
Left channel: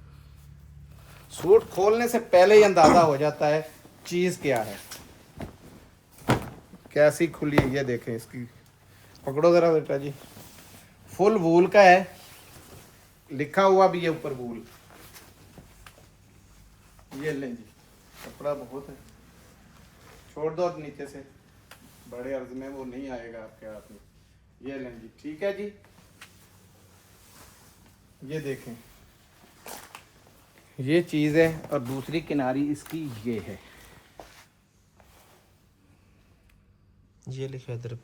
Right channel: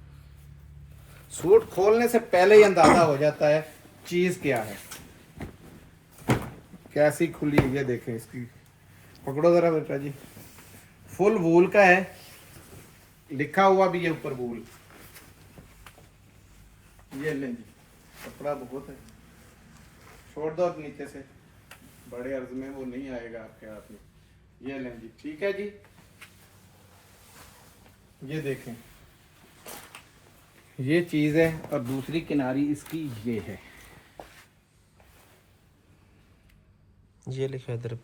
सूट खोलने से पहले ही अंदाजा हो जाता है चीज क्या है, कैसी खुली है। ये देखें, इसकी पकड़ो जरा बेटा जी, फुल वूल का है, लिखा हुआ भी है ऊपर वूल। ये लें जी, कपड़ा बहुत है, छोड़ दो नीचे से, बड़े अर्ज में वो नहीं आएगा आपके हाथ में। ये लें जी, ठीक है जी। ये देखें, ये चीज़ है, और दूसरी किनारी इसकी ये है। ये लिखा है इधर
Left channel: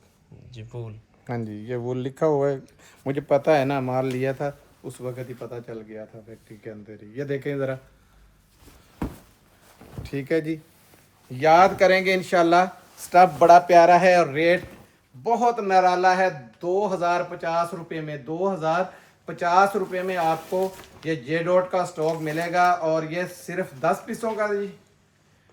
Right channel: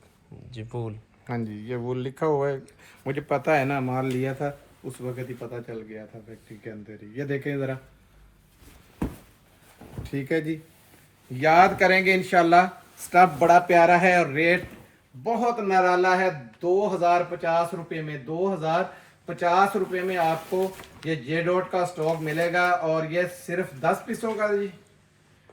जी वूल। हाँ जी, ये वूल लिखा हुआ है, मुझे पता है ना, माल लिया था उस वक्त ही पता चल गया था फैक्ट्री के अंदर ही। ये देखें ज़रा, ठीक है जी, याद करेंगे इंशाल्लाह। स्टफ बड़ा प्यारा है और रेट बहुत निराला है। 2050 रुपये में, 2050 रुपये में आपको ये जे डॉट का स्टॉक मिलेगा, और ये सिर्फ 10 पीसों का जी,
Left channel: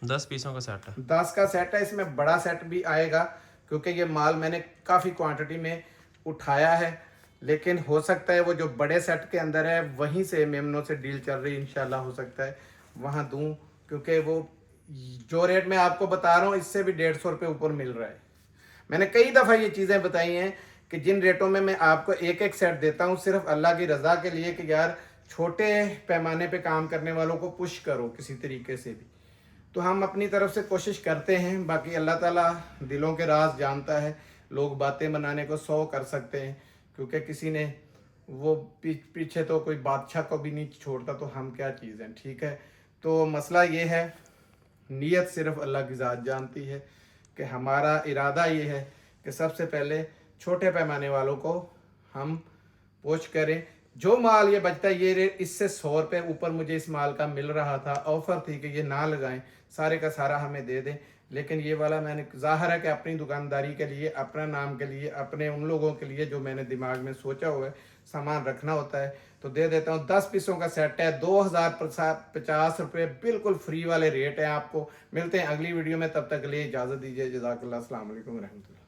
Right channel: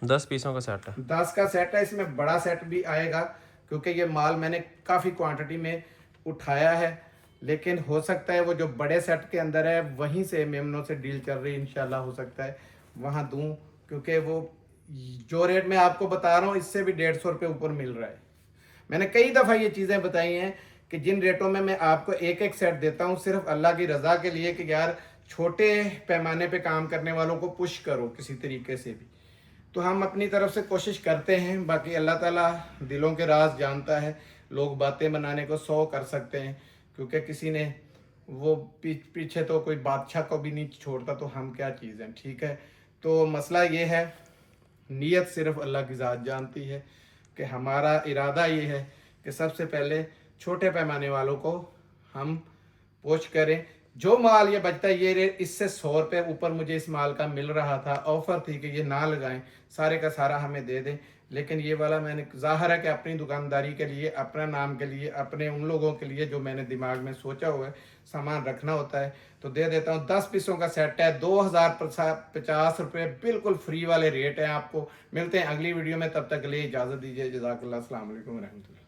10 पीसों का सेट है। 10 का सेट है। इसमें बड़ा सेट भी आएगा, क्योंकि ये माल मैंने काफ़ी क्वांटिटी में उठाया है, लेकिन हो सकता है वो जो बड़े सेट के अंदर है वहीं से मेमनों से डील चल रही, इंशाल्लाह हो सकता है वहाँ दूँ, क्योंकि वो जो रेट मैं आपको बता रहा हूँ इससे भी 150 रुपये ऊपर मिल रहा है। मैंने कई दफ़ा ये चीज़ें बताई हैं कि जिन रेटों में मैं आपको एक एक सेट देता हूँ, सिर्फ अल्लाह की रज़ा के लिए कि यार छोटे पैमाने पे काम करने वालों को पुश करो किसी तरीके से भी। तो हम अपनी तरफ से कोशिश करते हैं, बाकी अल्लाह ताला दिलों के राज जानता है। लोग बातें बनाने को 100 कर सकते हैं, क्योंकि किसी ने वो पीछे तो कोई बादशाह को भी नहीं छोड़ता, तो हम क्या चीज़ हैं, ठीक है। तो मसला ये है, नीयत सिर्फ अल्लाह की ज़ात जानती है कि हमारा इरादा ये है कि सबसे पहले छोटे पैमाने वालों को हम पोस्ट करें, जो माल ये बचता है ये इससे 100 रुपये ऊपर मुझे इस माल का मिल रहा था, ऑफर थी कि ये ना लगाएं, सारे का सारा हमें दे दें। लेकिन ये वाला मैंने, जाहिर है कि अपनी दुकानदारी के लिए, अपना नाम के लिए, अपने उन लोगों के लिए जो मैंने दिमाग में सोचा हुआ है सामान रखना होता है, तो दे देता हूँ। 10 पीसों का सेट है, 2050 रुपये, बिल्कुल फ्री वाले रेट हैं। आपको मिलते हैं अगली वीडियो में, तब तक के लिए इजाज़त दीजिए। जज़ाकल्लाह, अस्सलाम वालेकुम रहमतुल्लाह।